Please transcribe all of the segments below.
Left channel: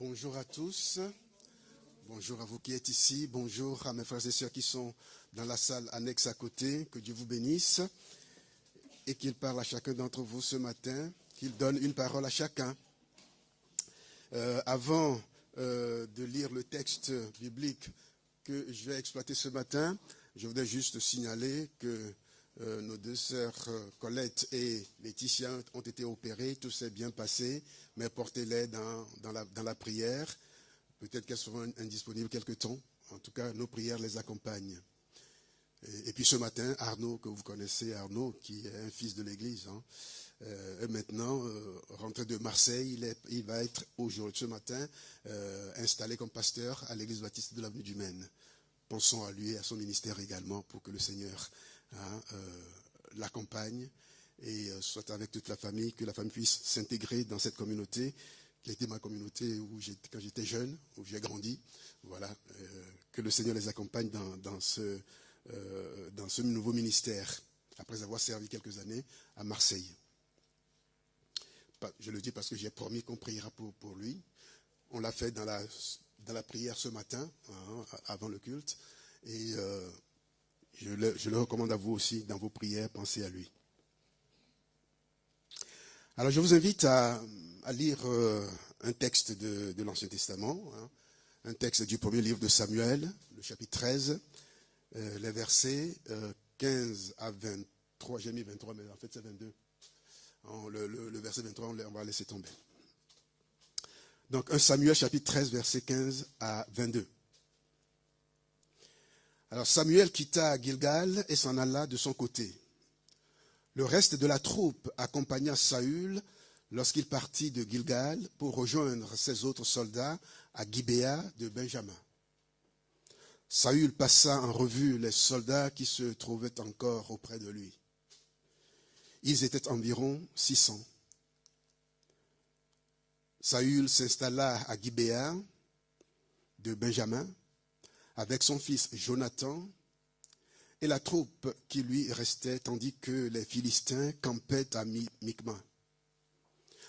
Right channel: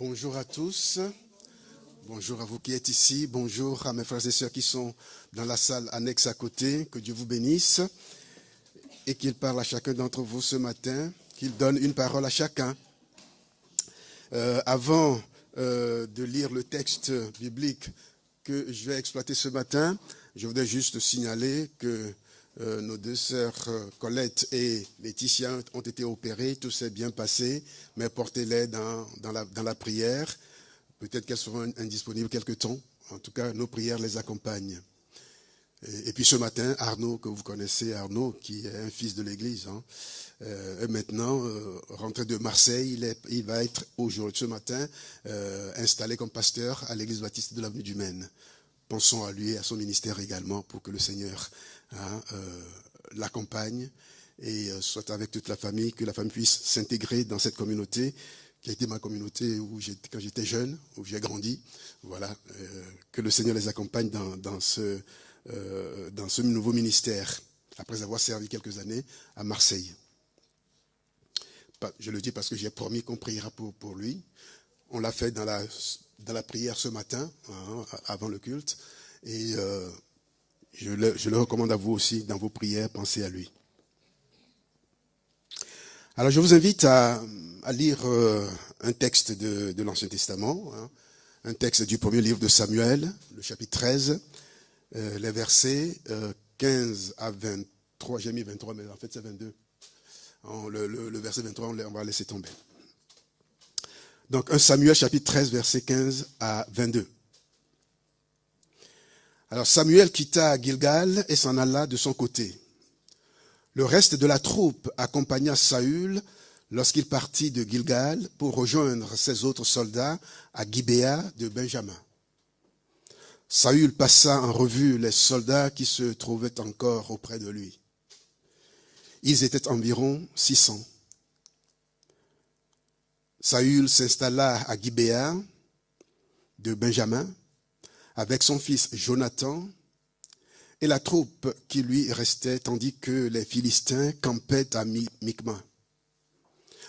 Bonjour à tous, bonjour à vous qui êtes ici, bonjour à mes frères et sœurs qui sont dans la salle annexe à côté, que Dieu vous bénisse et qu'il parle à chacun d'entre vous ce matin, qu'il donne une parole à chacun. Avant de lire le texte biblique que je vais exploiter ce matin, je voudrais juste signaler que nos deux sœurs Colette et Laetitia ont été opérées, tout s'est bien passé, mais portez-les dans la prière. Peut-être qu'elles seront indisponibles quelque temps. En tout cas, nos prières les accompagnent. Et puis ce matin, Arnaud, que vous connaissez, Arnaud, qui est un fils de l'Église, est maintenant rentré de Marseille. Il va être aujourd'hui, ce matin, installé comme pasteur à l'Église baptiste de l'avenue du Maine. Pensons à lui et à son ministère également pour que le Seigneur l'accompagne et soit avec toute la famille, que la famille puisse s'intégrer dans cette communauté qui a été ma communauté quand j'étais jeune, où j'ai grandi. Voilà, que le Seigneur les accompagne dans ce nouveau ministère, après avoir servi quelques années à Marseille. Je le dis parce que j'ai promis qu'on priera pour lui. On l'a fait dans la prière ce matin, avant le culte, et je le recommande à vous aussi, dans vos prières, pensez à lui. Alors je vous invite à lire un texte de l'Ancien Testament, un texte du premier livre de Samuel, le chapitre 13, les versets 15 à 23, j'ai mis 23, mais en fait c'est 22. Le verset 23, on va laisser tomber. Donc 1 Samuel chapitre 13, verset 15 à 22. Alors Samuel quitta Gilgal et s'en alla de son côté. Le reste de la troupe accompagna Saül lorsqu'il partit de Gilgal pour rejoindre ses autres soldats à Gibéa de Benjamin. Saül passa en revue les soldats qui se trouvaient encore auprès de lui. Ils étaient environ 600. Saül s'installa à Gibéa de Benjamin avec son fils Jonathan et la troupe qui lui restait, tandis que les Philistins campaient à Michma.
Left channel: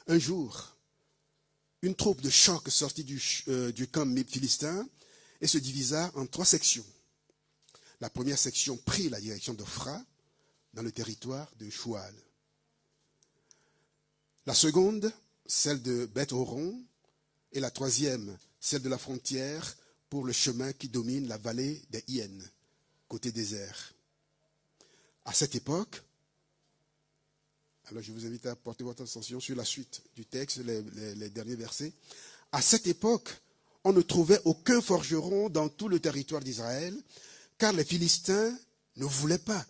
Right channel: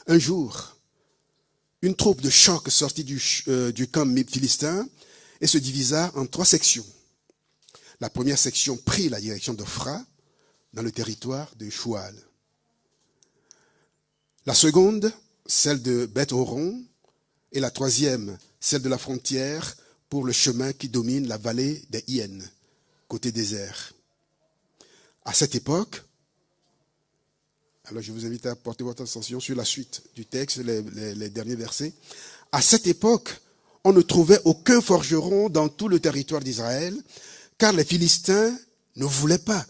Un jour, une troupe de choc sortit du camp philistin et se divisa en 3 sections. La première section prit la direction d'Ophra, dans le territoire de Choual. La seconde, celle de Beth-Horon, et la troisième, celle de la frontière pour le chemin qui domine la vallée des Hyènes, côté désert. À cette époque, alors je vous invite à porter votre attention sur la suite du texte, les derniers versets. À cette époque, on ne trouvait aucun forgeron dans tout le territoire d'Israël, car les Philistins ne voulaient pas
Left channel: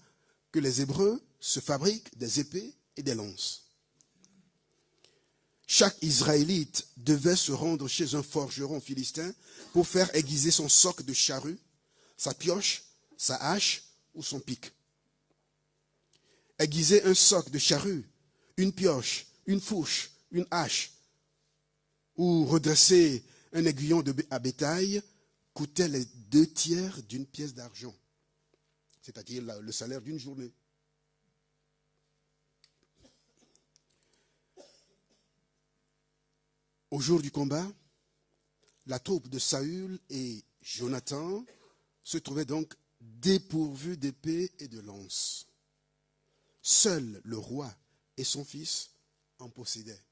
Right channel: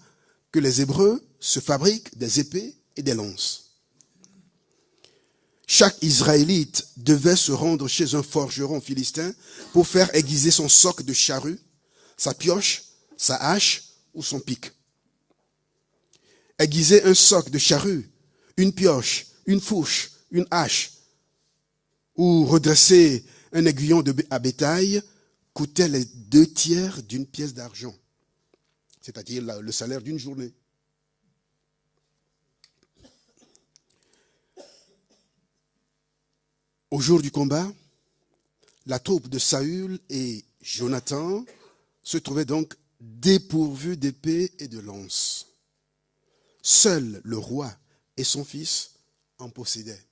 que les Hébreux se fabriquent des épées et des lances. Chaque Israélite devait se rendre chez un forgeron philistin pour faire aiguiser son soc de charrue, sa pioche, sa hache ou son pic. Aiguiser un soc de charrue, une pioche, une fourche, une hache ou redresser un aiguillon à bétail coûtait les 2/3 d'une pièce d'argent, c'est-à-dire le salaire d'une journée. Au jour du combat, la troupe de Saül et Jonathan se trouvaient donc dépourvus d'épée et de lance. Seul le roi et son fils en possédaient.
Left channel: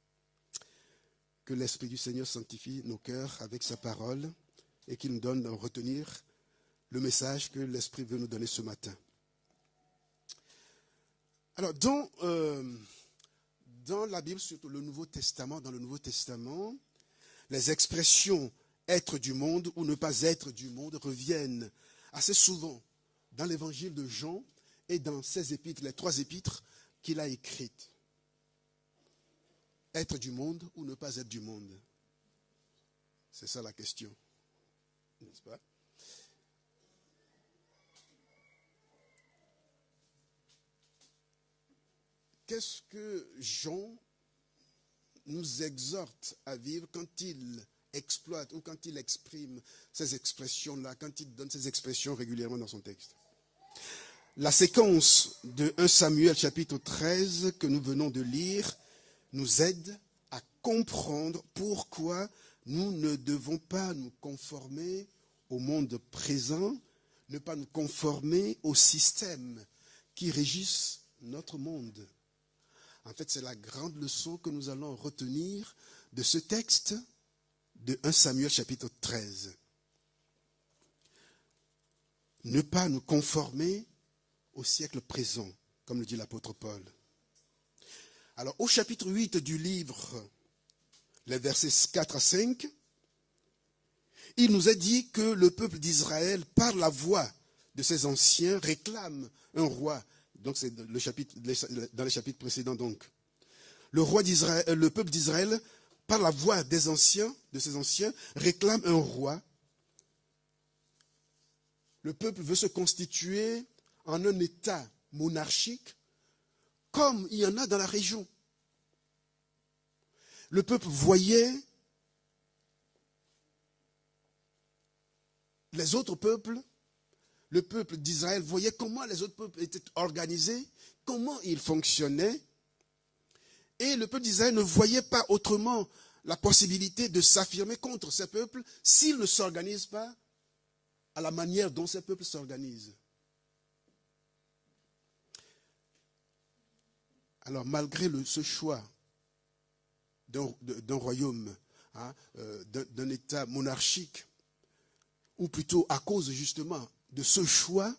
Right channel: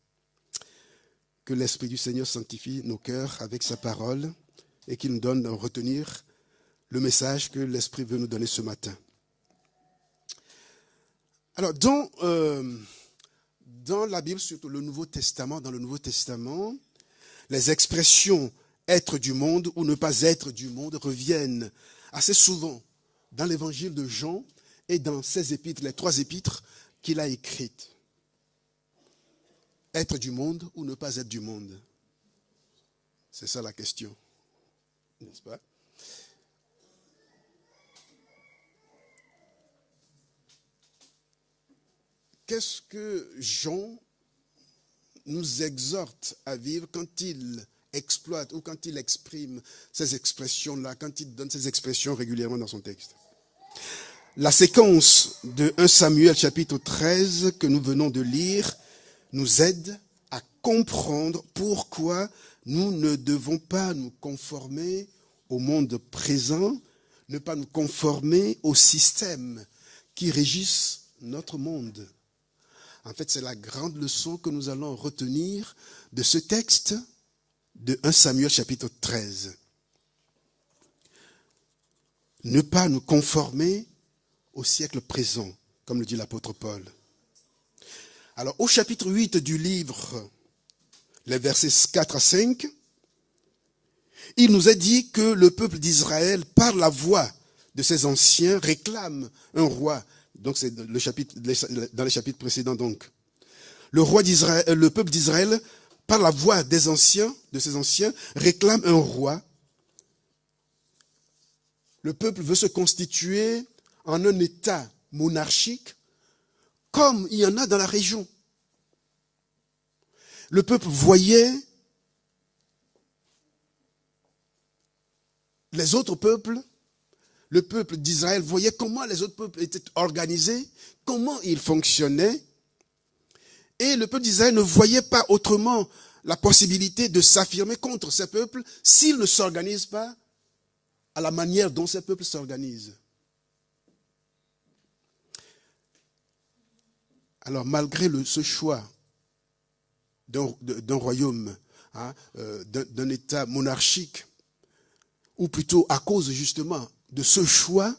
Que l'Esprit du Seigneur sanctifie nos cœurs avec sa parole et qu'il nous donne à retenir le message que l'Esprit veut nous donner ce matin. Alors, dans la Bible, surtout dans le Nouveau Testament, les expressions « être du monde » ou « ne pas être du monde » reviennent assez souvent dans l'évangile de Jean et dans ses épîtres, les 3 épîtres qu'il a écrites. Être du monde ou ne pas être du monde? C'est ça la question, n'est-ce pas? Qu'est-ce que Jean nous exhorte à vivre quand il exploite ou quand il exprime ces expressions-là, quand il donne ces expressions régulièrement dans son texte? La séquence de 1 Samuel chapitre 13 que nous venons de lire nous aide à comprendre pourquoi nous ne devons pas nous conformer au monde présent, ne pas nous conformer au système qui régisse notre monde. En fait, c'est la grande leçon que nous allons retenir de ce texte de 1 Samuel chapitre 13. Ne pas nous conformer au siècle présent, comme le dit l'apôtre Paul. Alors, au chapitre 8 du livre, les versets 4 à 5, il nous est dit que le peuple d'Israël, par la voix de ses anciens, réclame un roi. Donc, c'est dans les chapitres précédents, donc. Le peuple d'Israël, par la voix de ses anciens, réclame un roi. Le peuple veut se constituer en un État monarchique, comme il y en a dans la région. Le peuple voyait les autres peuples, le peuple d'Israël voyait comment les autres peuples étaient organisés, comment ils fonctionnaient. Et le peuple d'Israël ne voyait pas autrement la possibilité de s'affirmer contre ces peuples s'ils ne s'organisent pas à la manière dont ces peuples s'organisent. Alors, malgré ce choix d'un royaume, d'un État monarchique, ou plutôt à cause justement de ce choix,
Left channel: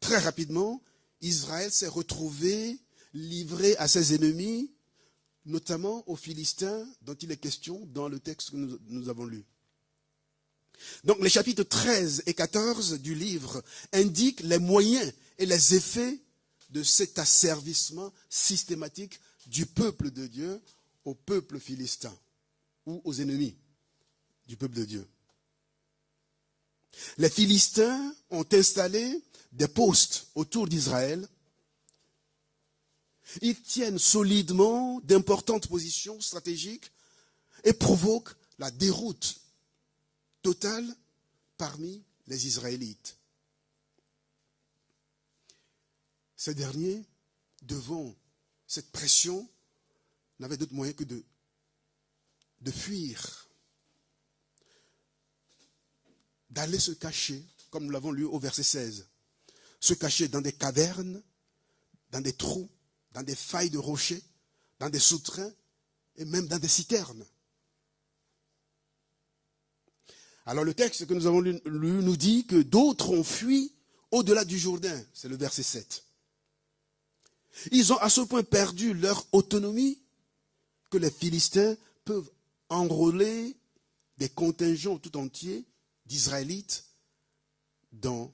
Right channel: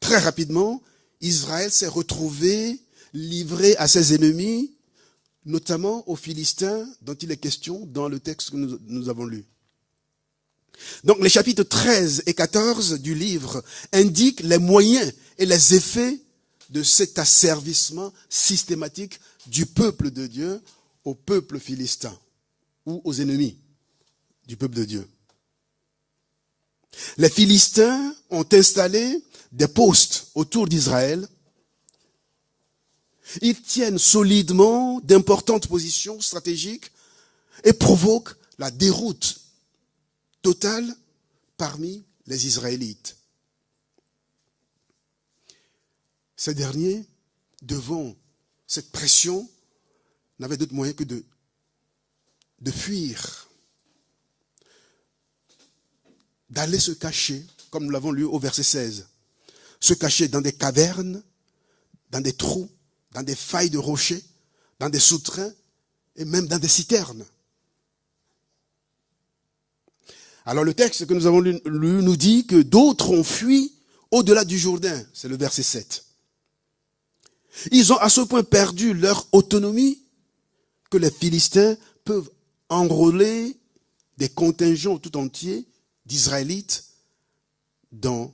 très rapidement, Israël s'est retrouvé livré à ses ennemis, notamment aux Philistins, dont il est question dans le texte que nous avons lu. Donc les chapitres 13 et 14 du livre indiquent les moyens et les effets de cet asservissement systématique du peuple de Dieu au peuple philistin ou aux ennemis du peuple de Dieu. Les Philistins ont installé des postes autour d'Israël. Ils tiennent solidement d'importantes positions stratégiques et provoquent la déroute totale parmi les Israélites. Ces derniers, devant cette pression, n'avaient d'autre moyen que de fuir, d'aller se cacher, comme nous l'avons lu au verset 16, se cacher dans des cavernes, dans des trous, dans des failles de rochers, dans des souterrains et même dans des citernes. Alors le texte que nous avons lu nous dit que d'autres ont fui au-delà du Jourdain, c'est le verset 7. Ils ont à ce point perdu leur autonomie que les Philistins peuvent enrôler des contingents tout entiers d'Israélites dans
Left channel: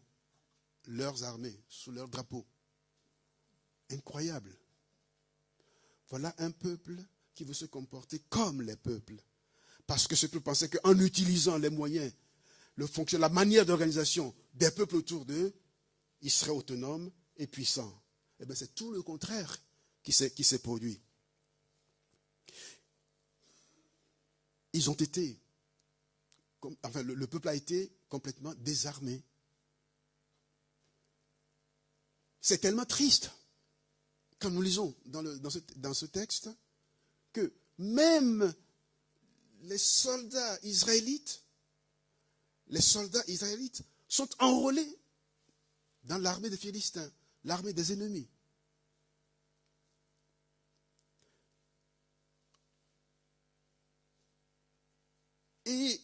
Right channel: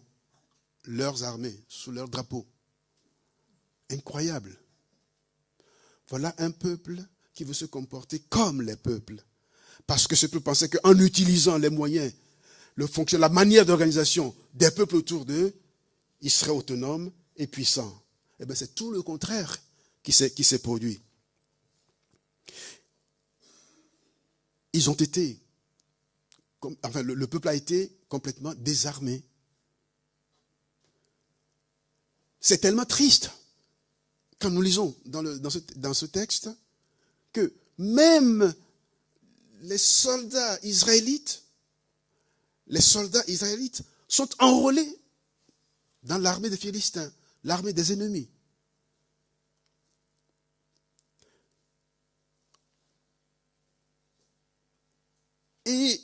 leurs armées, sous leur drapeau. Incroyable. Voilà un peuple qui veut se comporter comme les peuples. Parce que ce peuple pensait qu'en utilisant les moyens, la manière d'organisation des peuples autour d'eux, ils seraient autonomes et puissants. Eh bien, c'est tout le contraire qui s'est produit. Ils ont été, le peuple a été complètement désarmé. C'est tellement triste, quand nous lisons dans ce texte, que même les soldats israélites sont enrôlés dans l'armée des Philistins, l'armée des ennemis. Et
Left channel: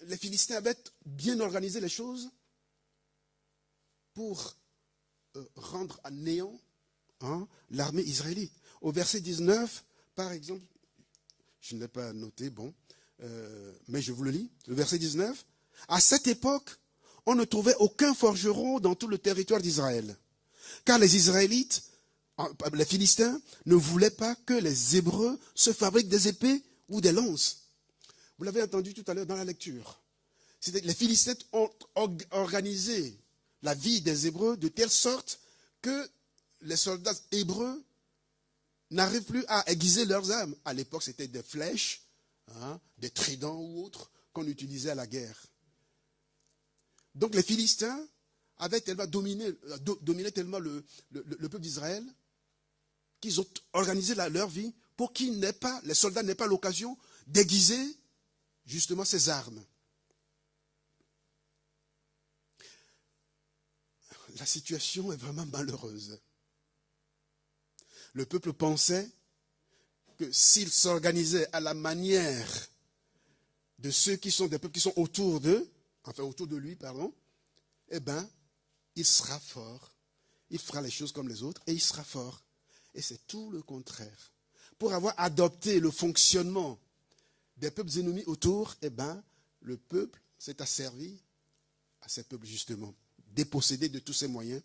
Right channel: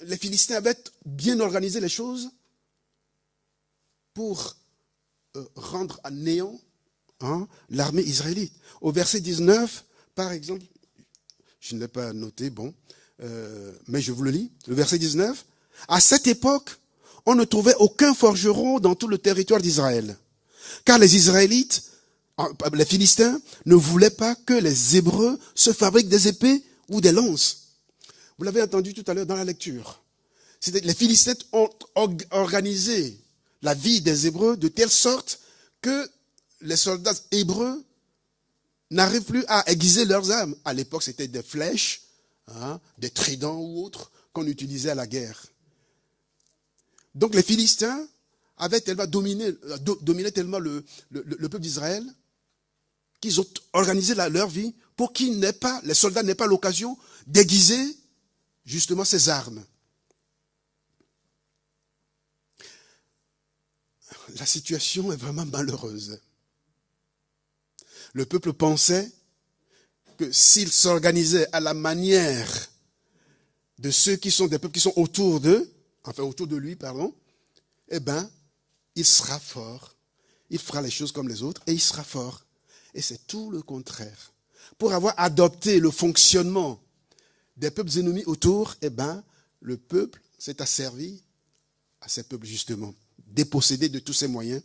les Philistins avaient bien organisé les choses pour rendre à néant l'armée israélite. Au verset 19, par exemple, je ne l'ai pas noté, mais je vous le lis. Le verset 19. À cette époque, on ne trouvait aucun forgeron dans tout le territoire d'Israël. Car les Israélites, les Philistins, ne voulaient pas que les Hébreux se fabriquent des épées ou des lances. Vous l'avez entendu tout à l'heure dans la lecture. Les Philistins ont organisé la vie des Hébreux de telle sorte que les soldats hébreux n'arrivent plus à aiguiser leurs armes. À l'époque, c'était des flèches, des tridents ou autres qu'on utilisait à la guerre. Donc les Philistins avaient tellement dominé tellement le peuple d'Israël qu'ils ont organisé leur vie pour les soldats n'aient pas l'occasion d'aiguiser justement ces armes. La situation est vraiment malheureuse. Le peuple pensait que s'il s'organisait à la manière de ceux qui sont des peuples qui sont autour d'eux, enfin autour de lui, pardon, eh bien, il sera fort. Il fera les choses comme les autres et il sera fort. Et c'est tout le contraire. Pour avoir adopté le fonctionnement des peuples ennemis autour, eh bien, le peuple s'est asservi à ces peuples justement, dépossédé de tous ses moyens.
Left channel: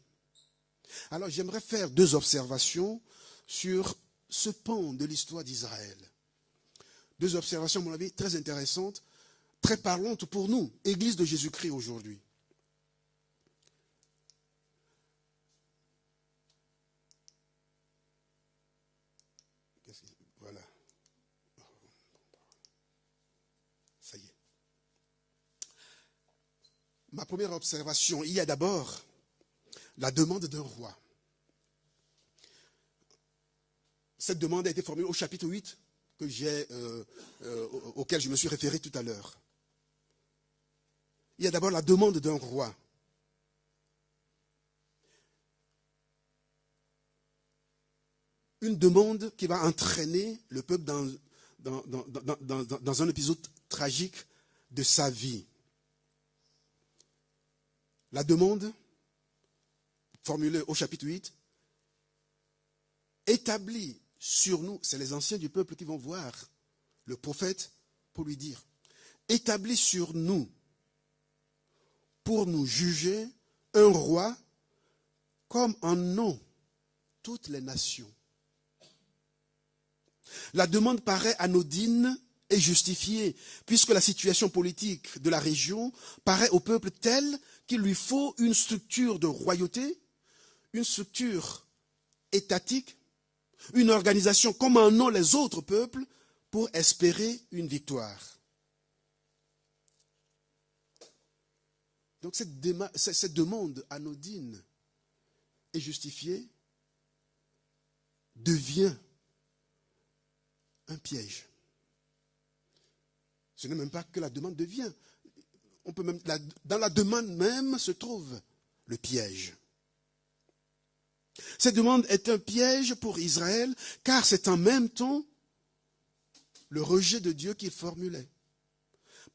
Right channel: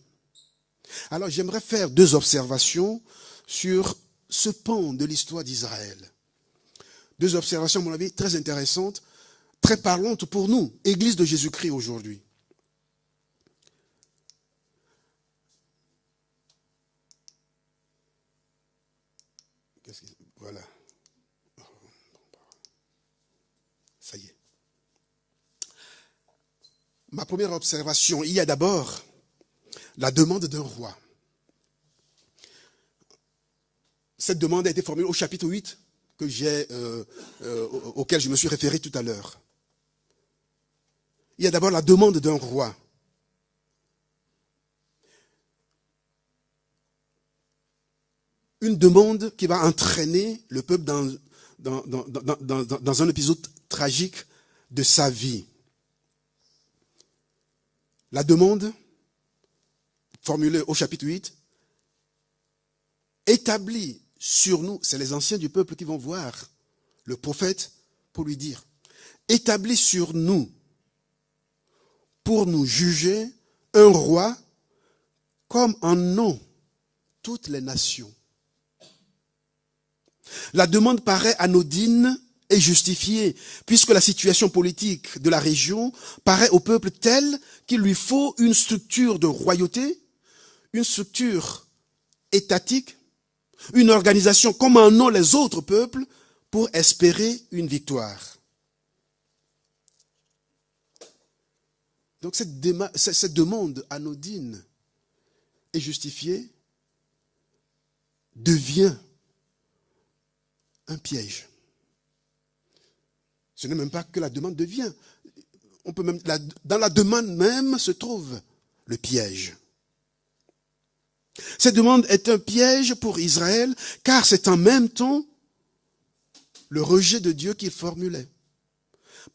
Alors j'aimerais faire 2 observations sur ce pan de l'histoire d'Israël. 2 observations, à mon avis, très intéressantes, très parlantes pour nous, Église de Jésus-Christ aujourd'hui. Voilà. Ça y est. Ma première observation, il y a d'abord la demande d'un roi. Cette demande a été formulée au chapitre 8 auquel je me suis référé tout à l'heure. Il y a d'abord la demande d'un roi. Une demande qui va entraîner le peuple dans un épisode tragique de sa vie. La demande, formulée au chapitre 8, établit sur nous, c'est les anciens du peuple qui vont voir le prophète pour lui dire, établit sur nous, pour nous juger, un roi comme en ont toutes les nations. La demande paraît anodine et justifiée, puisque la situation politique de la région paraît au peuple telle qu'il lui faut une structure de royauté, une structure étatique, une organisation comme en ont les autres peuples pour espérer une victoire. Donc cette demande anodine et justifiée devient un piège. Ce n'est même pas que la demande devient. Dans la demande même se trouve le piège. Cette demande est un piège pour Israël, car c'est en même temps le rejet de Dieu qu'il formulait.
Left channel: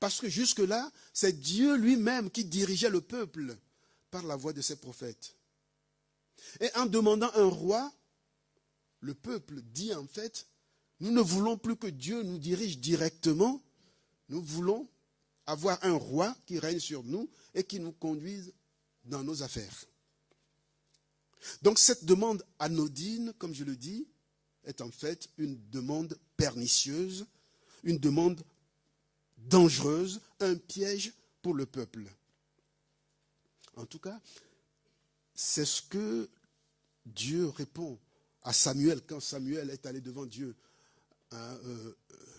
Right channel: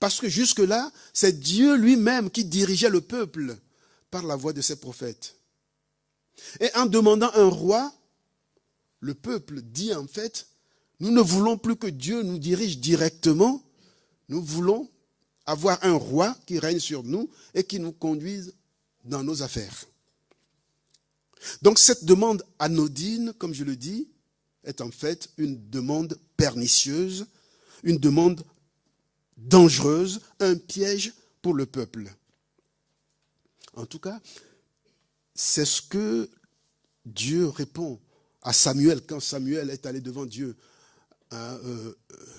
Parce que jusque-là, c'est Dieu lui-même qui dirigeait le peuple par la voix de ses prophètes. Et en demandant un roi, le peuple dit en fait, nous ne voulons plus que Dieu nous dirige directement, nous voulons avoir un roi qui règne sur nous et qui nous conduise dans nos affaires. Donc cette demande anodine, comme je le dis, est en fait une demande pernicieuse, une demande dangereuse, un piège pour le peuple. En tout cas, c'est ce que Dieu répond à Samuel quand Samuel est allé devant Dieu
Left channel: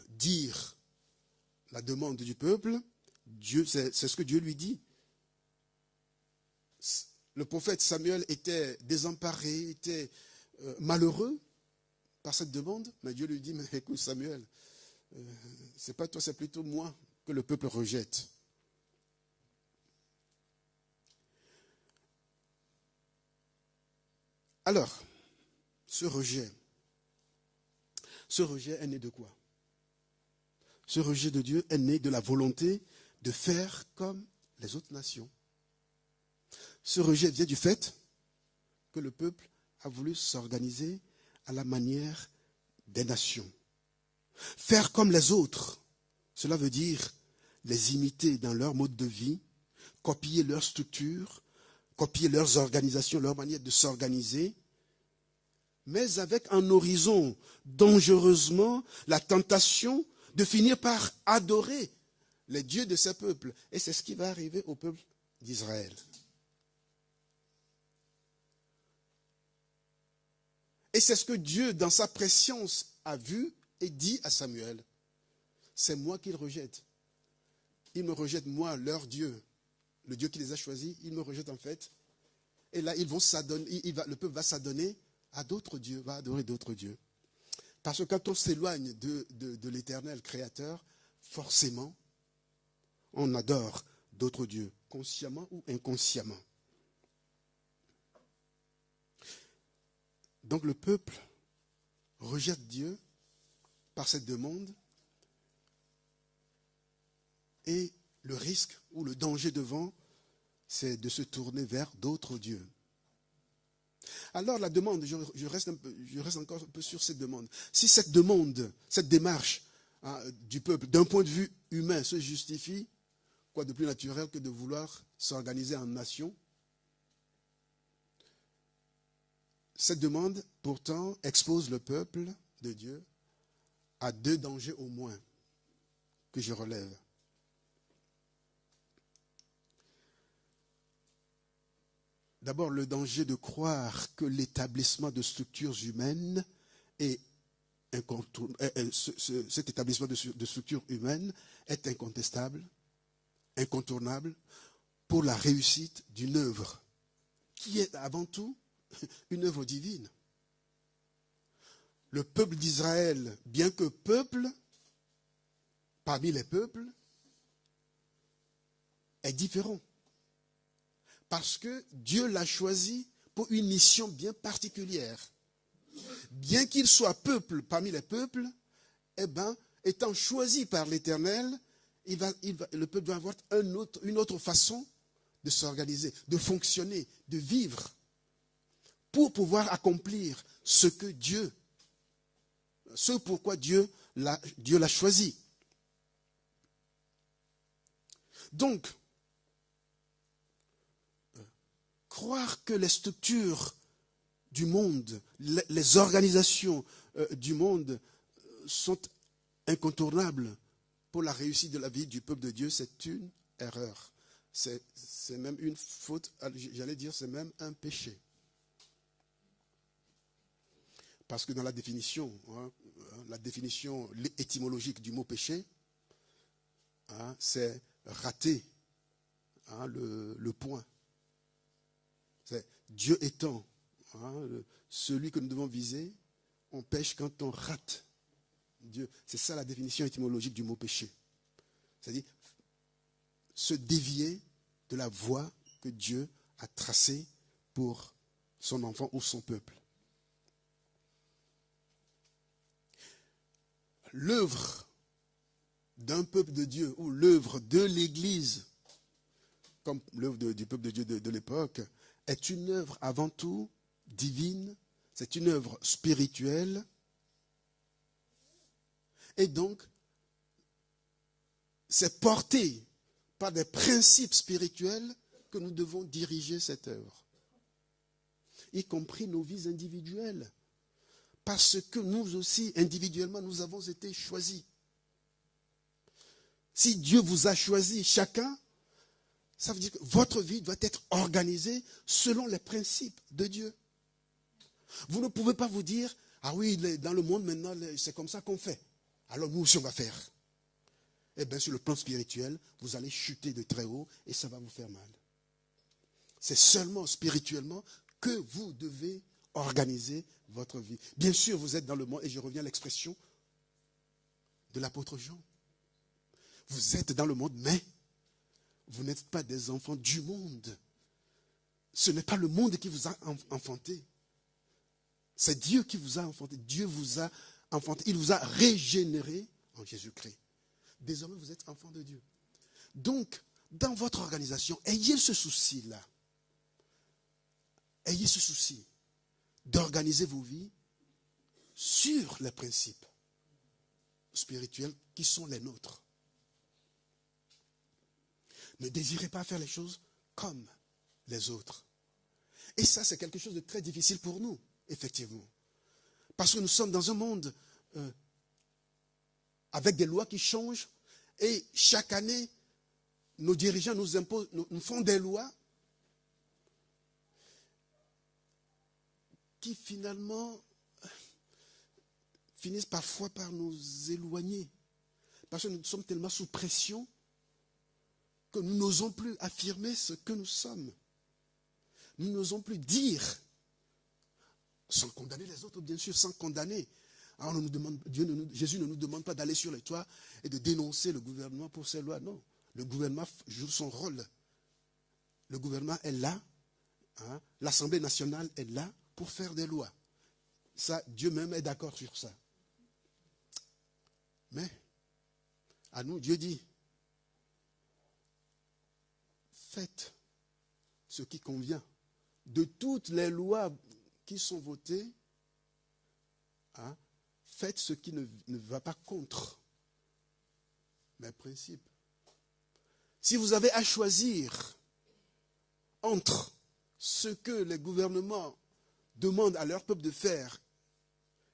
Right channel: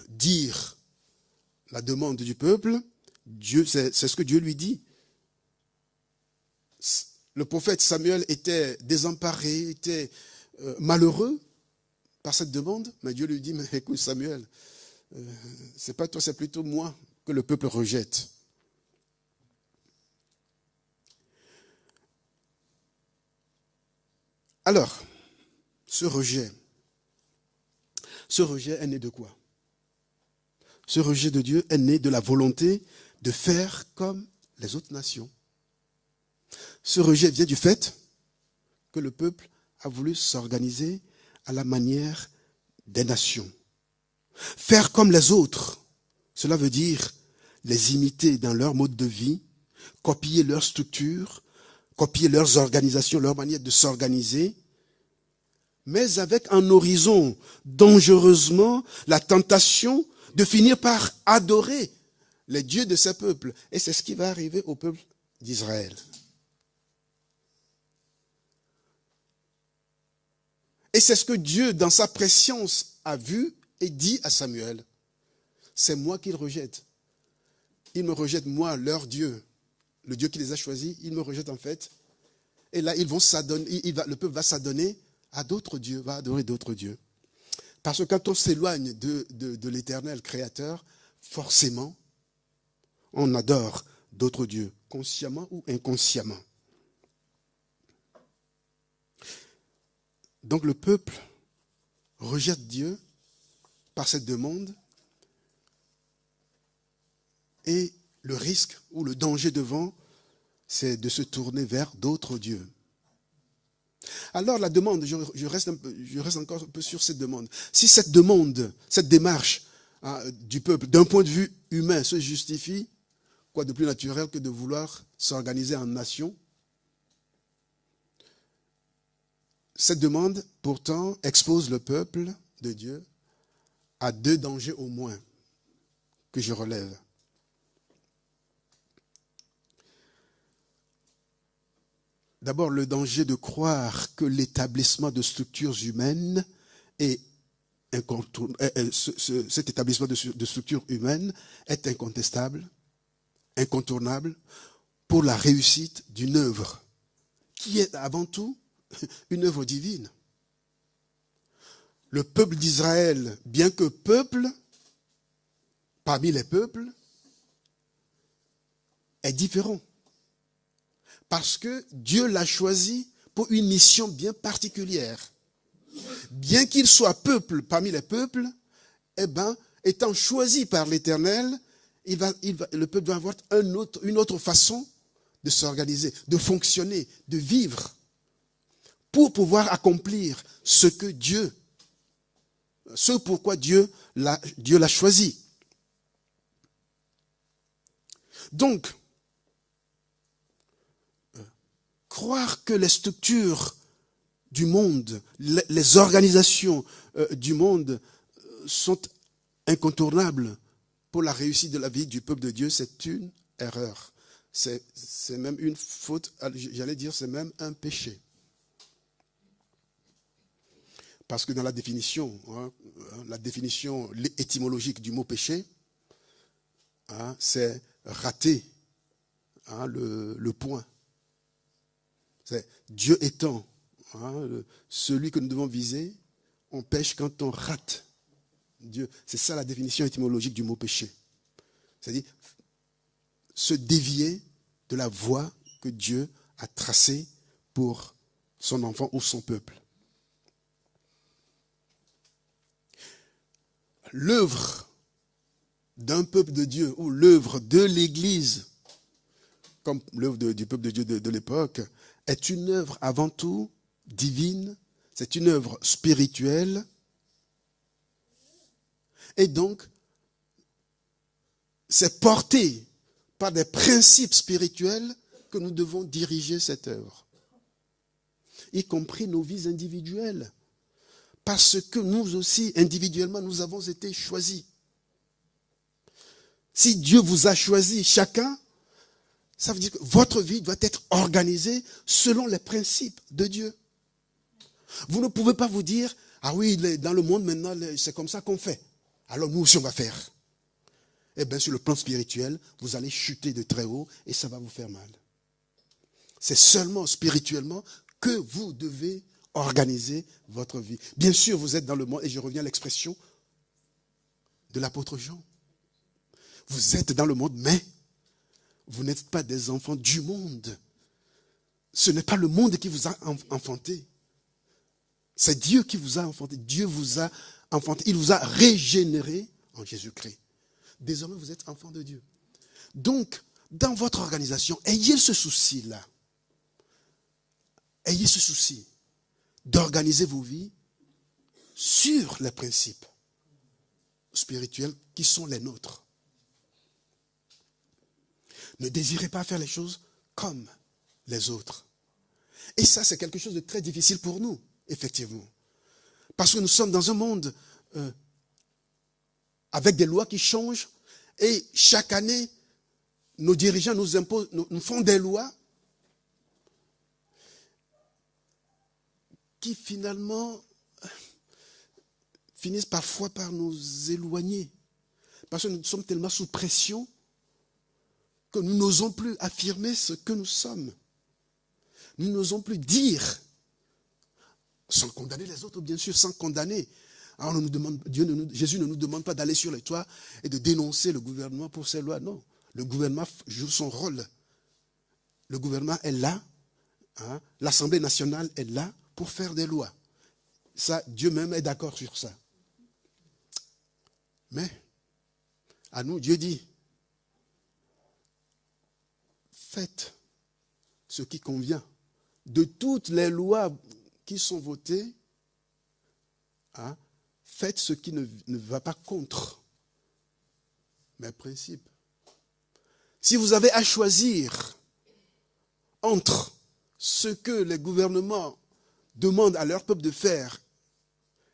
dire la demande du peuple. C'est ce que Dieu lui dit. Le prophète Samuel était désemparé, était malheureux par cette demande, mais Dieu lui dit, mais écoute Samuel, c'est pas toi, c'est plutôt moi que le peuple rejette. Alors, ce rejet est né de quoi? Ce rejet de Dieu est né de la volonté de faire comme les autres nations. Ce rejet vient du fait que le peuple a voulu s'organiser à la manière des nations. Faire comme les autres, cela veut dire les imiter dans leur mode de vie, copier leur structure, copier leurs organisations, leur manière de s'organiser, mais avec un horizon dangereusement la tentation de finir par adorer les dieux de ces peuples. Et c'est ce qui va arriver au peuple d'Israël. Et c'est ce que Dieu, dans sa préscience, a vu et dit à Samuel. C'est moi qu'ils rejettent. Ils me rejettent, moi, leur Dieu. Le Dieu qui les a choisis, ils me rejettent en fait. Et là, ils vont s'adonner, le peuple va s'adonner à d'autres dieux, va adorer d'autres dieux. Parce que quand on s'éloigne de l'Éternel créateur, forcément, on adore d'autres dieux, consciemment ou inconsciemment. Donc le peuple rejette Dieu par cette demande et le risque ou le danger devant, c'est de se tourner vers d'autres dieux. Alors la demande, je reste encore un peu sur cette demande. Si cette demande, cette démarche du peuple, d'un point de vue humain, se justifie, quoi de plus naturel que de vouloir s'organiser en nation? Cette demande, pourtant, expose le peuple de Dieu à 2 dangers au moins que je relève. D'abord, le danger de croire que l'établissement de structures humaines est cet établissement de structures humaines est incontestable, incontournable pour la réussite d'une œuvre qui est avant tout une œuvre divine. Le peuple d'Israël, bien que peuple, parmi les peuples, est différent. Parce que Dieu l'a choisi pour une mission bien particulière. Bien qu'il soit peuple parmi les peuples, étant choisi par l'Éternel, le peuple doit avoir une autre façon de s'organiser, de fonctionner, de vivre, pour pouvoir accomplir ce pourquoi Dieu l'a choisi. Donc, croire que les structures du monde, les organisations du monde sont incontournables pour la réussite de la vie du peuple de Dieu, c'est une erreur. C'est même une faute, j'allais dire, c'est même un péché. Parce que dans la définition étymologique du mot péché, c'est rater le point. C'est Dieu étant celui que nous devons viser, on pêche quand on rate Dieu. C'est ça la définition étymologique du mot péché. C'est-à-dire se dévier de la voie que Dieu a tracée pour son enfant ou son peuple. L'œuvre d'un peuple de Dieu ou l'œuvre de l'Église, comme l'œuvre du peuple de Dieu de l'époque, est une œuvre avant tout divine, c'est une œuvre spirituelle. Et donc, c'est porté par des principes spirituels que nous devons diriger cette œuvre, y compris nos vies individuelles, parce que nous aussi, individuellement, nous avons été choisis. Si Dieu vous a choisi chacun, ça veut dire que votre vie doit être organisée selon les principes de Dieu. Vous ne pouvez pas vous dire, ah oui, dans le monde maintenant, c'est comme ça qu'on fait. Alors nous aussi on va faire. Eh bien sur le plan spirituel, vous allez chuter de très haut et ça va vous faire mal. C'est seulement spirituellement que vous devez organiser votre vie. Bien sûr, vous êtes dans le monde, et je reviens à l'expression de l'apôtre Jean. Vous êtes dans le monde, mais vous n'êtes pas des enfants du monde. Ce n'est pas le monde qui vous a enfanté. C'est Dieu qui vous a enfanté. Dieu vous a enfanté. Il vous a régénéré en Jésus-Christ. Désormais, vous êtes enfants de Dieu. Donc, dans votre organisation, ayez ce souci-là. Ayez ce souci d'organiser vos vies sur les principes spirituels qui sont les nôtres. Ne désirez pas faire les choses comme les autres. Et ça, c'est quelque chose de très difficile pour nous, effectivement. Parce que nous sommes dans un monde avec des lois qui changent et chaque année, nos dirigeants nous imposent, nous font des lois qui finalement finissent parfois par nous éloigner. Parce que nous sommes tellement sous pression que nous n'osons plus affirmer ce que nous sommes. Nous n'osons plus dire, sans condamner les autres, bien sûr, sans condamner. Alors Jésus ne nous demande pas d'aller sur les toits et de dénoncer le gouvernement pour ses lois. Non. Le gouvernement joue son rôle. Le gouvernement est là. Hein, l'Assemblée nationale est là pour faire des lois. Ça, Dieu même est d'accord sur ça. Mais, à nous, Dieu dit, faites ce qui convient. De toutes les lois qui sont votées, hein, faites ce qui ne va pas contre mes principes. Si vous avez à choisir entre ce que les gouvernements demandent à leur peuple de faire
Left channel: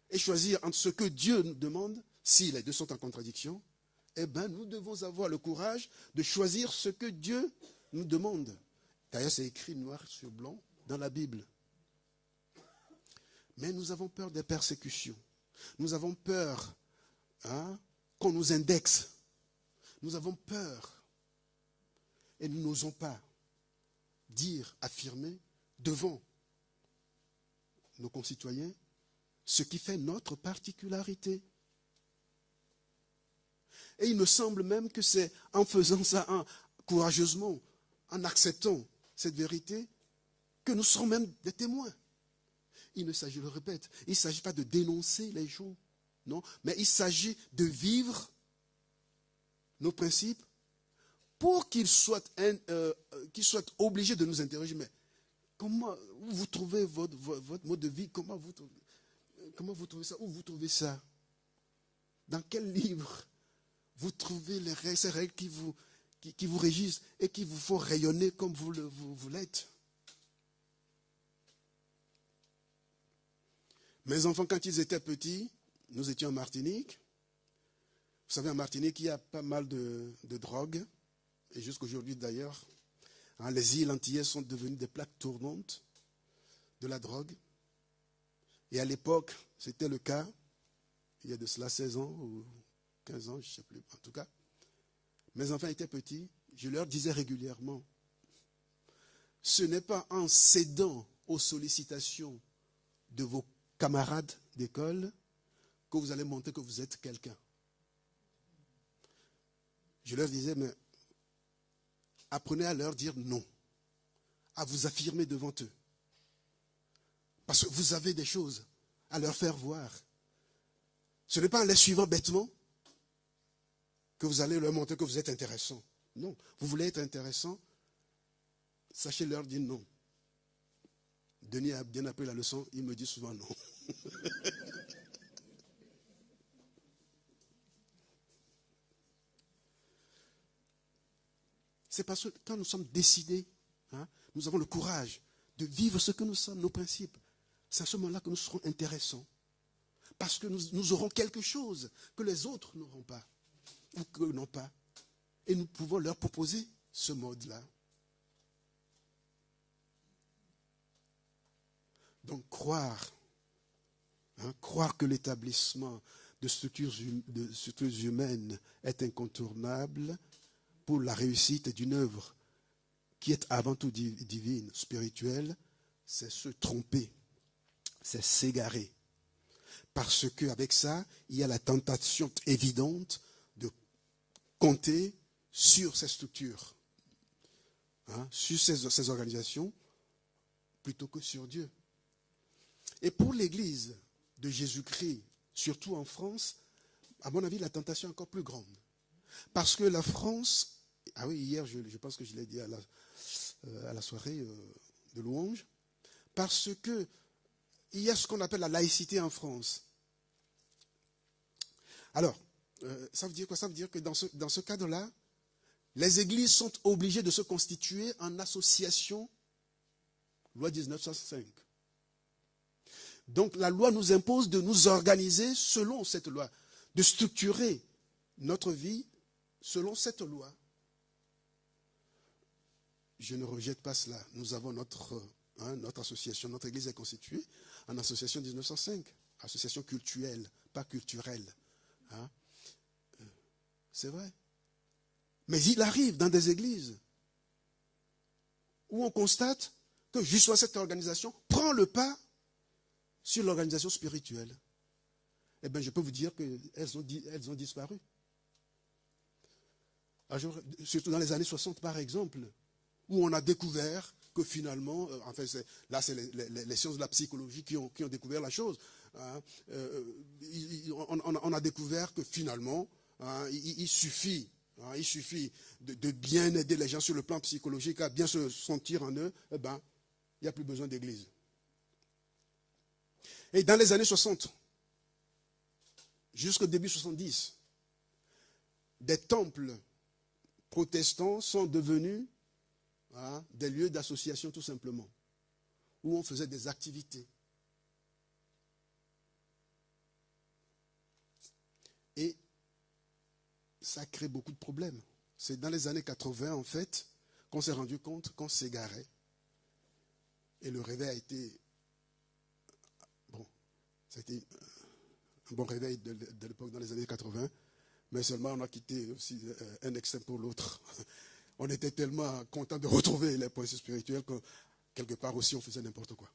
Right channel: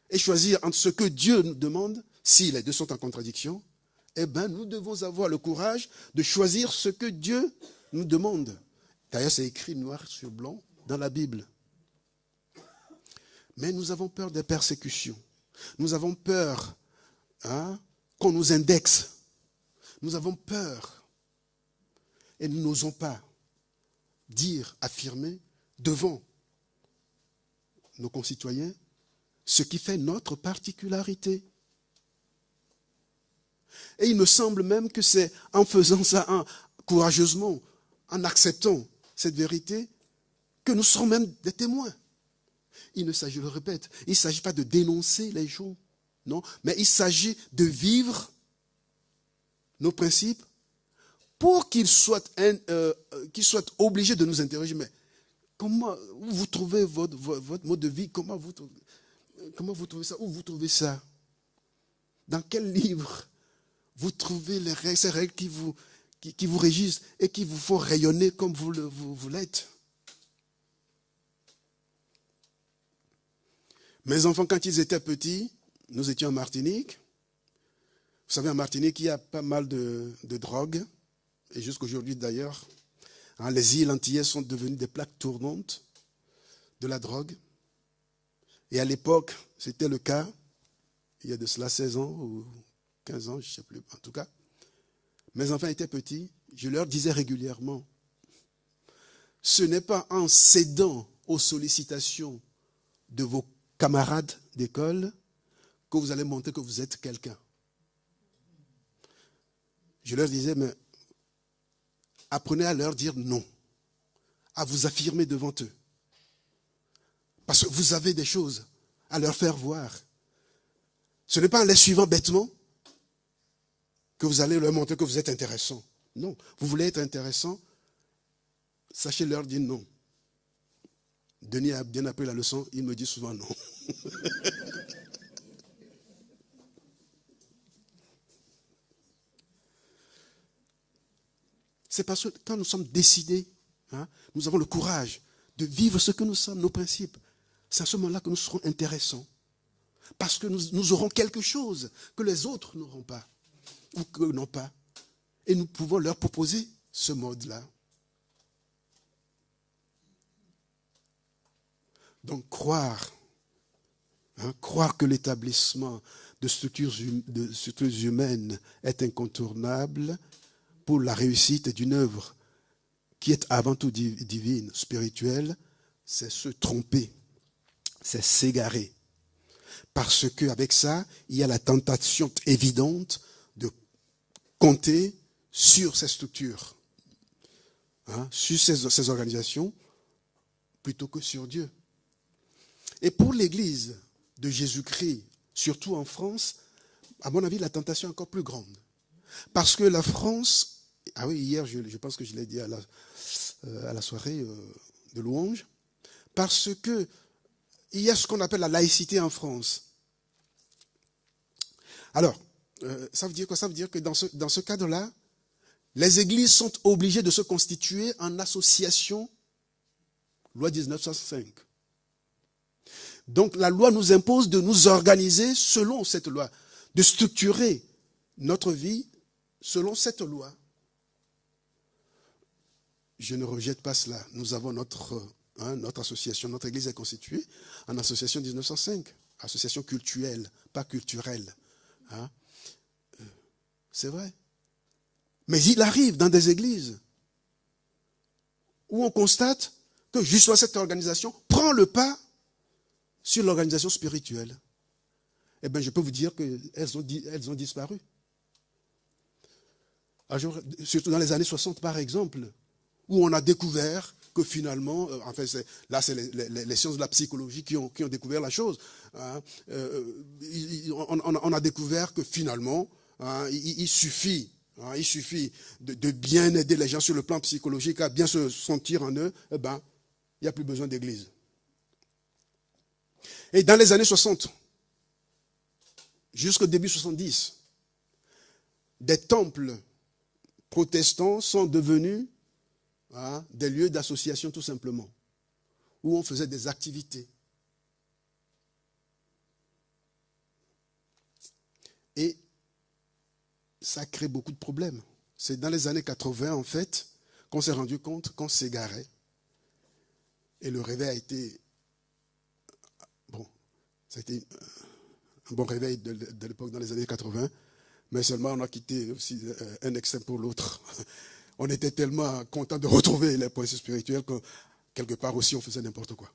et choisir entre ce que Dieu nous demande, si les deux sont en contradiction, eh bien, nous devons avoir le courage de choisir ce que Dieu nous demande. D'ailleurs, c'est écrit noir sur blanc dans la Bible. Mais nous avons peur des persécutions. Nous avons peur qu'on nous indexe. Nous avons peur. Et nous n'osons pas dire, affirmer devant nos concitoyens ce qui fait notre particularité. Et il me semble même que c'est en faisant ça courageusement, en acceptant cette vérité, que nous serons même des témoins. Il ne s'agit, je le répète, il ne s'agit pas de dénoncer les gens, non, mais il s'agit de vivre nos principes pour qu'ils soient obligés de nous interroger. Mais comment vous trouvez votre mode de vie? Comment vous trouvez ça? Où vous trouvez ça? Dans quel livre vous trouvez ces règles qui vous régissent et qui vous font rayonner comme vous l'êtes? Mes enfants, quand ils étaient petits, nous étions en Martinique. Vous savez, en Martinique, il y a pas mal de drogue. Et jusqu'aujourd'hui, d'ailleurs, les îles antillaises sont devenues des plaques tournantes de la drogue. Et à l'époque, c'était le cas, il y a de cela 16 ans ou 15 ans, je ne sais plus, en tout cas. Mes enfants étaient petits, je leur disais régulièrement, ce n'est pas en cédant aux sollicitations de vos camarades d'école que vous allez montrer que vous êtes quelqu'un. Je leur disais, mais apprenez à leur dire non, à vous affirmer devant eux. Parce que vous avez des choses à leur faire voir. Ce n'est pas en les suivant bêtement que vous allez leur montrer que vous êtes intéressant. Non, vous voulez être intéressant, sachez leur dire non. Denis a bien appris la leçon, il me dit souvent non. C'est parce que quand nous sommes décidés, nous avons le courage de vivre ce que nous sommes, nos principes. C'est à ce moment-là que nous serons intéressants. Parce que nous aurons quelque chose que les autres n'auront pas, ou que n'ont pas. Et nous pouvons leur proposer ce mode-là. Donc croire que l'établissement de structures humaines est incontournable pour la réussite d'une œuvre qui est avant tout divine, spirituelle, c'est se tromper, c'est s'égarer. Parce qu'avec ça, il y a la tentation évidente de compter sur ces structures, sur ces organisations, plutôt que sur Dieu. Et pour l'Église de Jésus-Christ, surtout en France, à mon avis, la tentation est encore plus grande. Parce que la France, hier, je pense que je l'ai dit à la soirée de louange, parce que il y a ce qu'on appelle la laïcité en France. Alors, ça veut dire quoi? Ça veut dire que dans ce cadre-là, les églises sont obligées de se constituer en association, loi 1965. Donc la loi nous impose de nous organiser selon cette loi, de structurer notre vie selon cette loi. Je ne rejette pas cela. Nous avons notre association, notre église est constituée en association 1905, association cultuelle, pas culturelle. C'est vrai. Mais il arrive dans des églises où on constate que justement cette organisation prend le pas sur l'organisation spirituelle. Eh bien, je peux vous dire qu'elles ont disparu. surtout dans les années 60 par exemple, où on a découvert que finalement, là c'est les sciences de la psychologie qui ont découvert la chose. Hein, on a découvert que finalement, hein, il suffit de bien aider les gens sur le plan psychologique, à bien se sentir en eux, il n'y a plus besoin d'église. Et dans les années 60, jusqu'au début 70, des temples protestants sont devenus des lieux d'association tout simplement, où on faisait des activités. Et ça crée beaucoup de problèmes. C'est dans les années 80, en fait, qu'on s'est rendu compte qu'on s'égarait. Et le réveil a été... Bon, ça a été un bon réveil de l'époque dans les années 80, mais seulement on a quitté aussi un extrême pour l'autre. On était tellement contents de retrouver les principes spirituels que quelque part aussi on faisait n'importe quoi.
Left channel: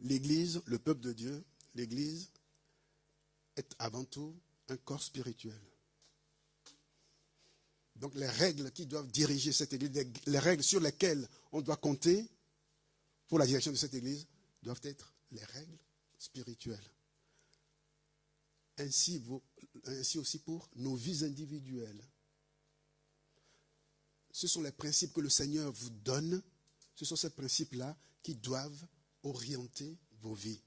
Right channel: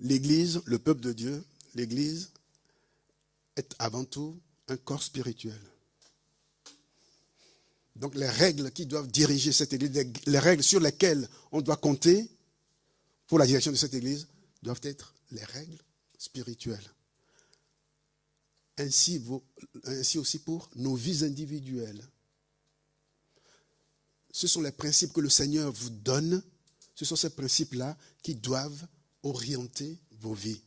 L'Église, le peuple de Dieu, l'Église est avant tout un corps spirituel. Donc les règles qui doivent diriger cette Église, les règles sur lesquelles on doit compter pour la direction de cette Église, doivent être les règles spirituelles. Ainsi aussi pour nos vies individuelles. Ce sont les principes que le Seigneur vous donne. Ce sont ces principes-là qui doivent orienter vos vies.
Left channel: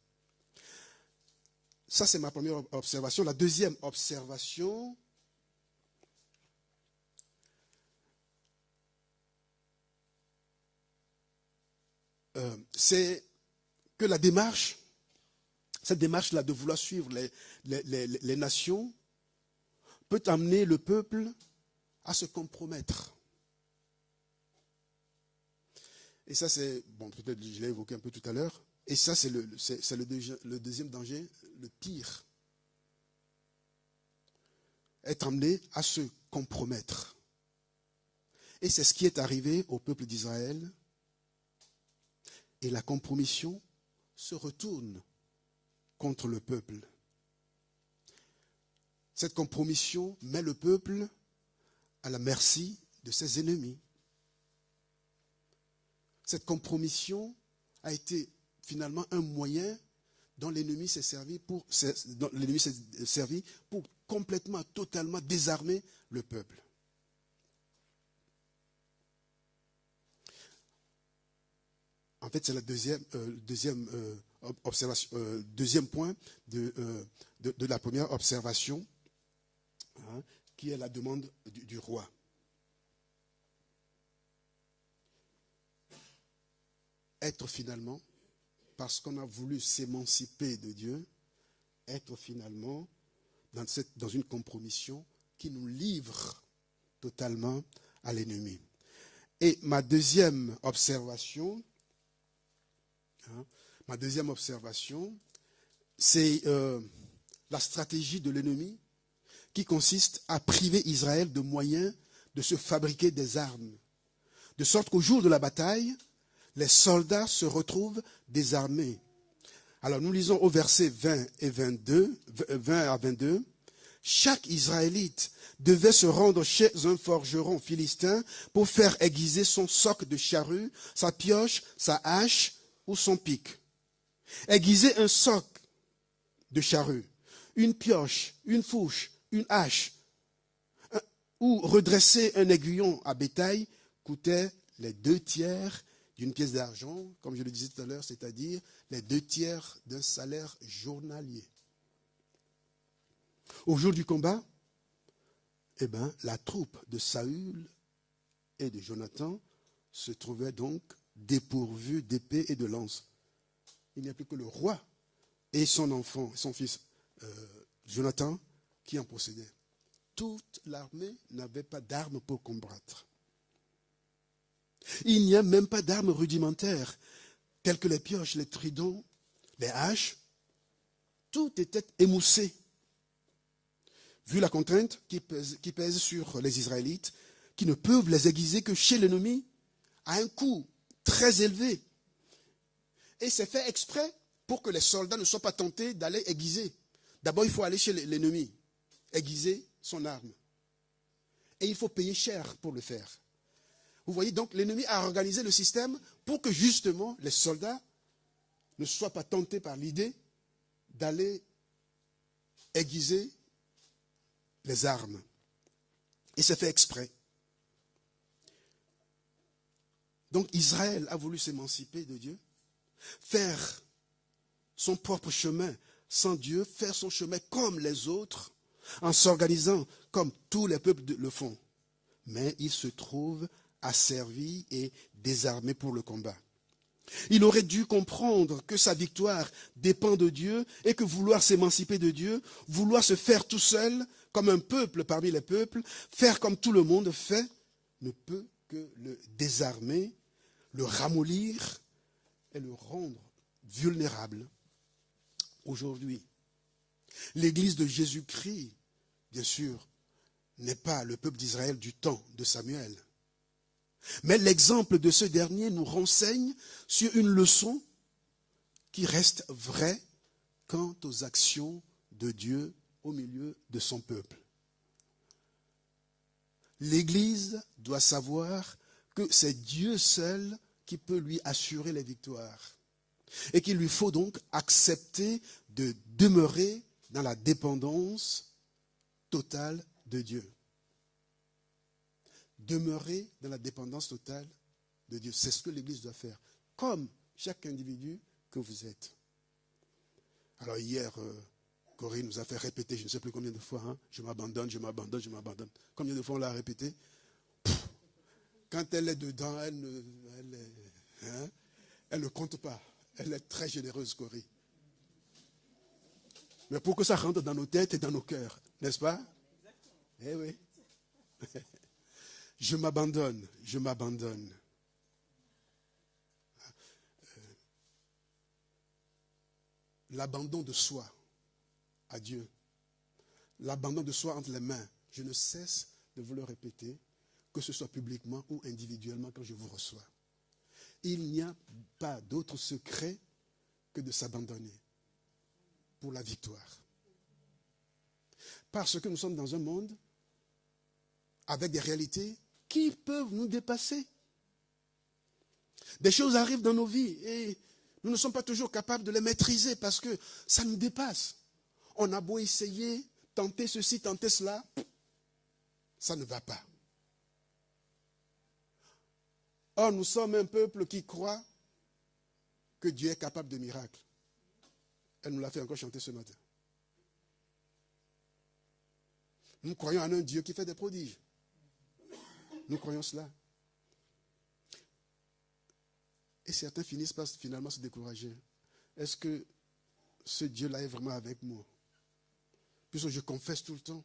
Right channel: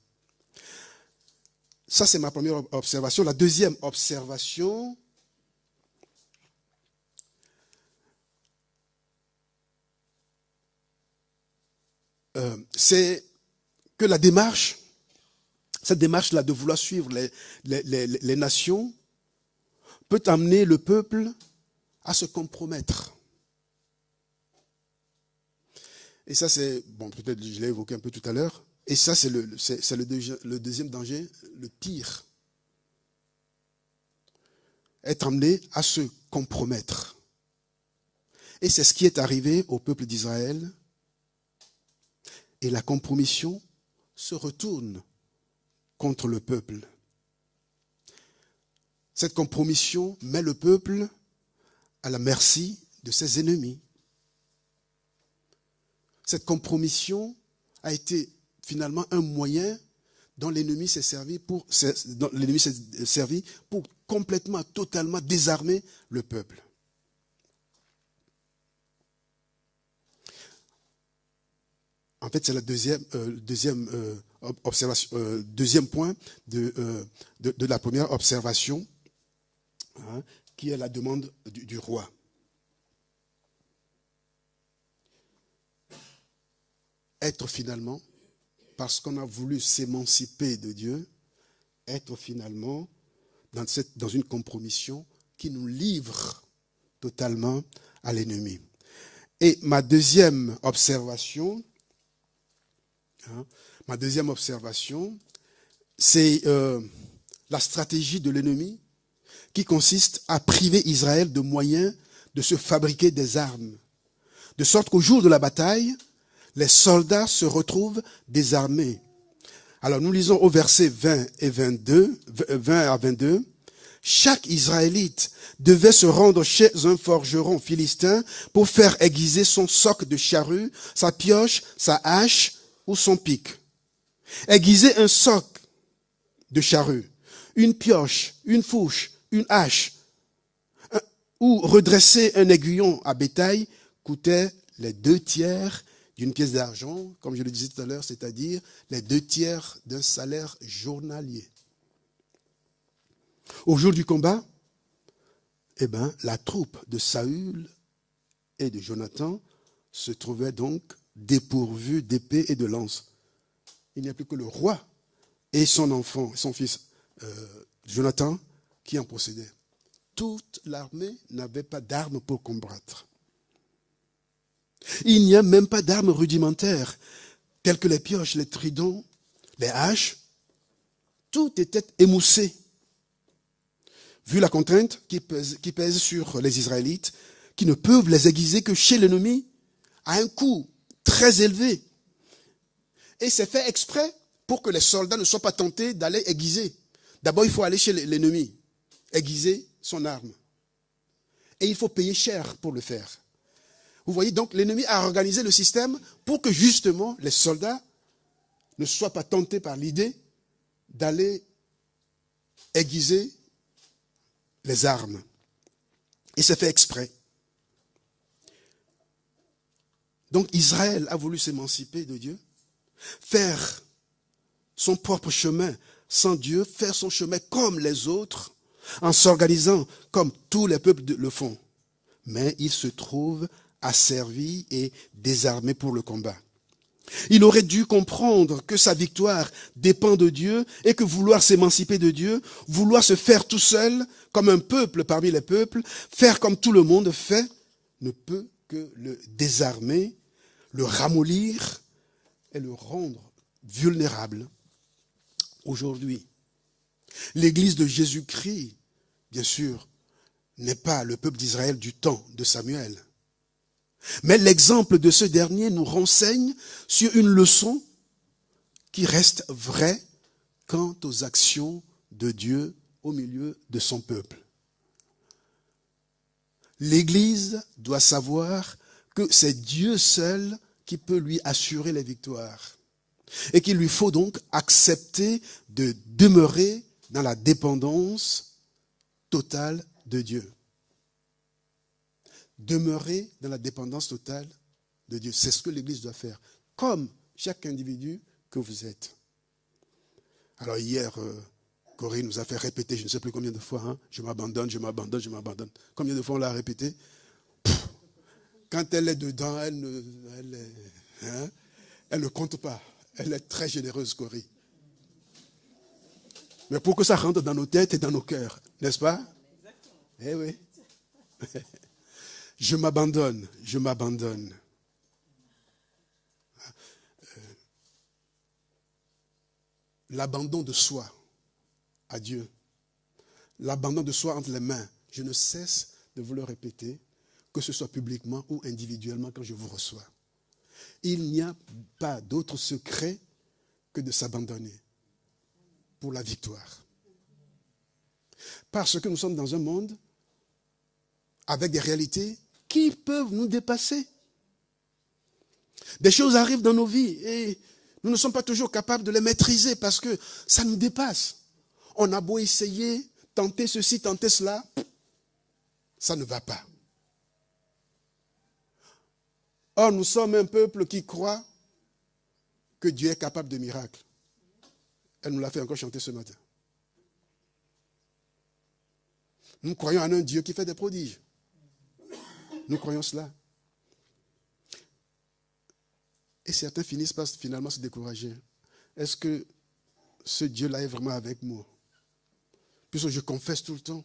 Ça, c'est ma première observation. La deuxième observation, c'est que la démarche, cette démarche-là de vouloir suivre les nations peut amener le peuple à se compromettre. Et ça, c'est, bon, peut-être je l'ai évoqué un peu tout à l'heure, et ça, c'est le deuxième danger, le pire. Être amené à se compromettre. Et c'est ce qui est arrivé au peuple d'Israël. Et la compromission se retourne contre le peuple. Cette compromission met le peuple à la merci de ses ennemis. Cette compromission a été finalement un moyen dont l'ennemi s'est servi pour complètement, totalement désarmer le peuple. En fait, c'est le deuxième point de la première observation, qui est la demande du roi. Être finalement, parce qu'on a voulu s'émanciper de Dieu, être finalement dans une compromission qui nous livre totalement à l'ennemi. Et ma deuxième observation, c'est la stratégie de l'ennemi qui consiste à priver Israël de moyens de se fabriquer des armes, de sorte qu'au jour de la bataille, les soldats se retrouvent désarmés. Alors nous lisons au verset 20 à 22, chaque Israélite devait se rendre chez un forgeron philistin pour faire aiguiser son soc de charrue, sa pioche, sa hache ou son pic. Aiguiser un soc de charrue, une pioche, une fourche, une hache, ou redresser un aiguillon à bétail coûtait les 2/3 d'une pièce d'argent, comme je le disais tout à l'heure, c'est-à-dire les 2/3 d'un salaire journalier. Au jour du combat, la troupe de Saül et de Jonathan se trouvait donc dépourvue d'épée et de lance. Il n'y a plus que le roi et son enfant, son fils Jonathan, qui en possédaient. Toute l'armée n'avait pas d'armes pour combattre. Il n'y a même pas d'armes rudimentaires, telles que les pioches, les tridents, les haches. Tout était émoussé. Vu la contrainte qui pèse sur les Israélites, qui ne peuvent les aiguiser que chez l'ennemi, à un coût très élevé. Et c'est fait exprès pour que les soldats ne soient pas tentés d'aller aiguiser. D'abord, il faut aller chez l'ennemi. aiguiser son arme. Et il faut payer cher pour le faire. Vous voyez, donc l'ennemi a organisé le système pour que justement les soldats ne soient pas tentés par l'idée d'aller aiguiser les armes. Et c'est fait exprès. Donc Israël a voulu s'émanciper de Dieu, faire son propre chemin sans Dieu, faire son chemin comme les autres, en s'organisant comme tous les peuples le font. Mais il se trouve asservi et désarmé pour le combat. Il aurait dû comprendre que sa victoire dépend de Dieu et que vouloir s'émanciper de Dieu, vouloir se faire tout seul, comme un peuple parmi les peuples, faire comme tout le monde fait, ne peut que le désarmer, le ramollir et le rendre vulnérable. Aujourd'hui, l'Église de Jésus-Christ, bien sûr, n'est pas le peuple d'Israël du temps de Samuel. Mais l'exemple de ce dernier nous renseigne sur une leçon qui reste vraie quant aux actions de Dieu au milieu de son peuple. L'Église doit savoir que c'est Dieu seul qui peut lui assurer les victoires et qu'il lui faut donc accepter de demeurer dans la dépendance totale de Dieu. Demeurer dans la dépendance totale de Dieu. C'est ce que l'Église doit faire, comme chaque individu que vous êtes. Alors hier, Corinne nous a fait répéter, je ne sais plus combien de fois, hein, je m'abandonne, je m'abandonne, je m'abandonne. Combien de fois on l'a répété? Quand elle est dedans, elle ne compte pas. Elle est très généreuse, Corinne. Mais pour que ça rentre dans nos têtes et dans nos cœurs, n'est-ce pas? Eh oui. Je m'abandonne, je m'abandonne. L'abandon de soi à Dieu, l'abandon de soi entre les mains, je ne cesse de vous le répéter, que ce soit publiquement ou individuellement quand je vous reçois. Il n'y a pas d'autre secret que de s'abandonner pour la victoire. Parce que nous sommes dans un monde avec des réalités qui peuvent nous dépasser. Des choses arrivent dans nos vies et nous ne sommes pas toujours capables de les maîtriser parce que ça nous dépasse. On a beau essayer, tenter ceci, tenter cela, ça ne va pas. Or, nous sommes un peuple qui croit que Dieu est capable de miracles. Elle nous l'a fait encore chanter ce matin. Nous croyons en un Dieu qui fait des prodiges. Nous croyons cela. Et certains finissent par finalement se décourager. Est-ce que ce Dieu-là est vraiment avec moi? Puisque je confesse tout le temps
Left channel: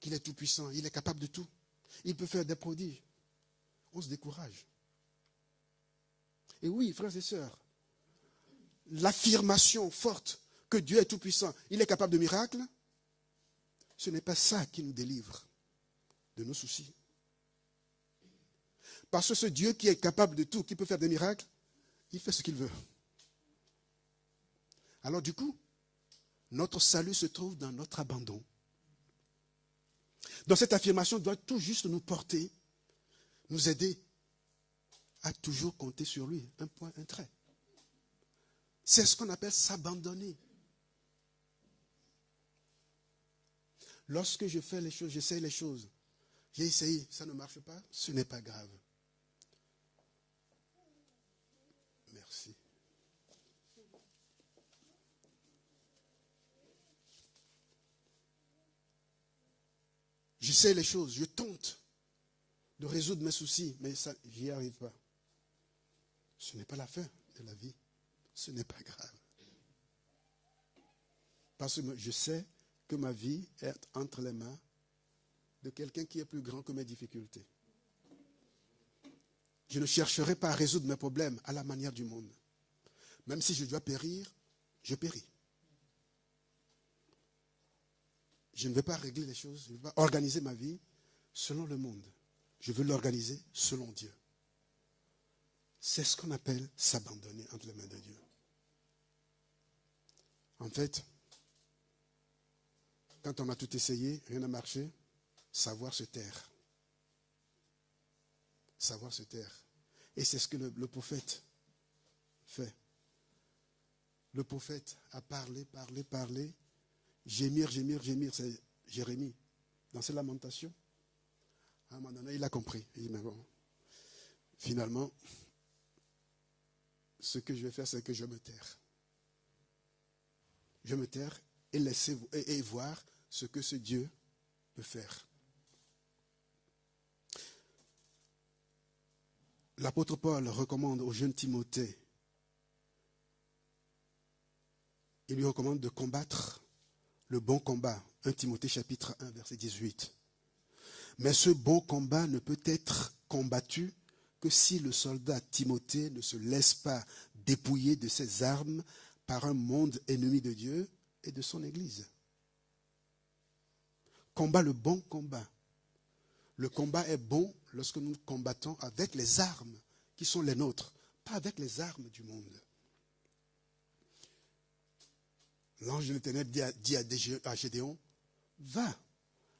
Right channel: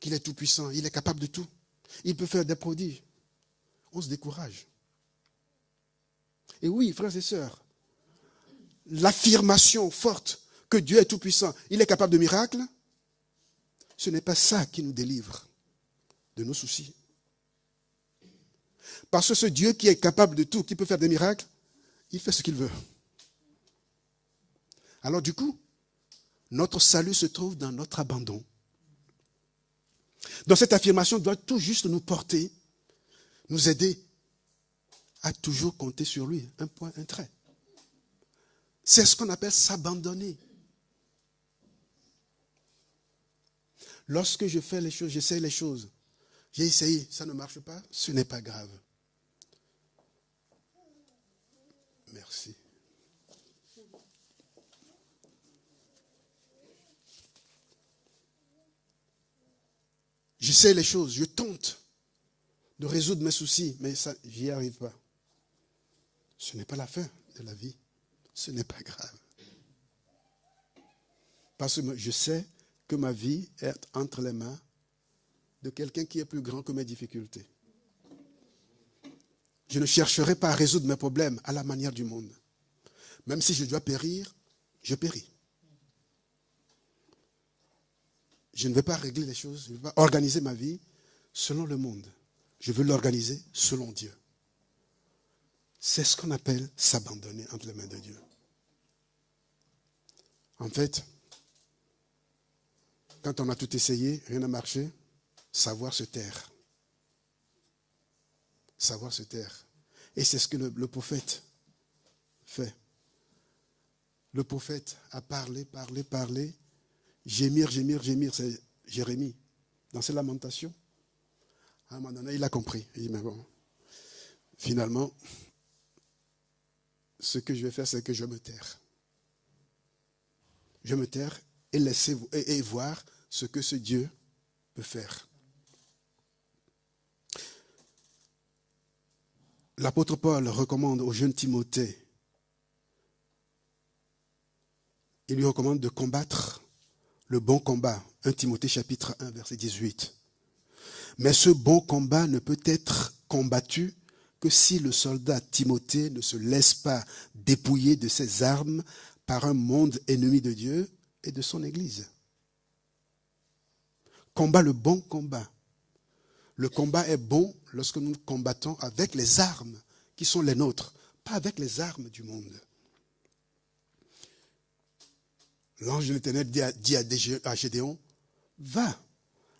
qu'il est tout puissant, il est capable de tout. Il peut faire des prodiges. On se décourage. Et oui, frères et sœurs, l'affirmation forte que Dieu est tout puissant, il est capable de miracles, ce n'est pas ça qui nous délivre de nos soucis. Parce que ce Dieu qui est capable de tout, qui peut faire des miracles, il fait ce qu'il veut. Alors du coup, notre salut se trouve dans notre abandon. Donc cette affirmation doit tout juste nous porter, nous aider à toujours compter sur lui. Un point, un trait. C'est ce qu'on appelle s'abandonner. Lorsque je fais les choses, j'essaie les choses, j'ai essayé, ça ne marche pas, ce n'est pas grave. Merci. J'essaie les choses, je tente de résoudre mes soucis, mais ça, j'y arrive pas. Ce n'est pas la fin de la vie. Ce n'est pas grave. Parce que je sais que ma vie est entre les mains de quelqu'un qui est plus grand que mes difficultés. Je ne chercherai pas à résoudre mes problèmes à la manière du monde. Même si je dois périr, je péris. Je ne vais pas régler les choses, je ne vais pas organiser ma vie selon le monde. Je veux l'organiser selon Dieu. C'est ce qu'on appelle s'abandonner entre les mains de Dieu. En fait, quand on a tout essayé, rien n'a marché, savoir se taire. Savoir se taire. Et c'est ce que le prophète fait. Le prophète a parlé, gémir, c'est Jérémie. Dans ses lamentations, à un moment donné, il a compris. Il dit, mais bon, finalement, ce que je vais faire, c'est que je me taire. Je me taire et laisser et voir ce que ce Dieu peut faire. L'apôtre Paul recommande au jeune Timothée, il lui recommande de combattre le bon combat. 1 Timothée chapitre 1 verset 18. Mais ce bon combat ne peut être combattu que si le soldat Timothée ne se laisse pas dépouiller de ses armes par un monde ennemi de Dieu et de son Église. Combat le bon combat. Le combat est bon lorsque nous combattons avec les armes qui sont les nôtres, pas avec les armes du monde. L'ange de l'Éternel dit à Gédéon, va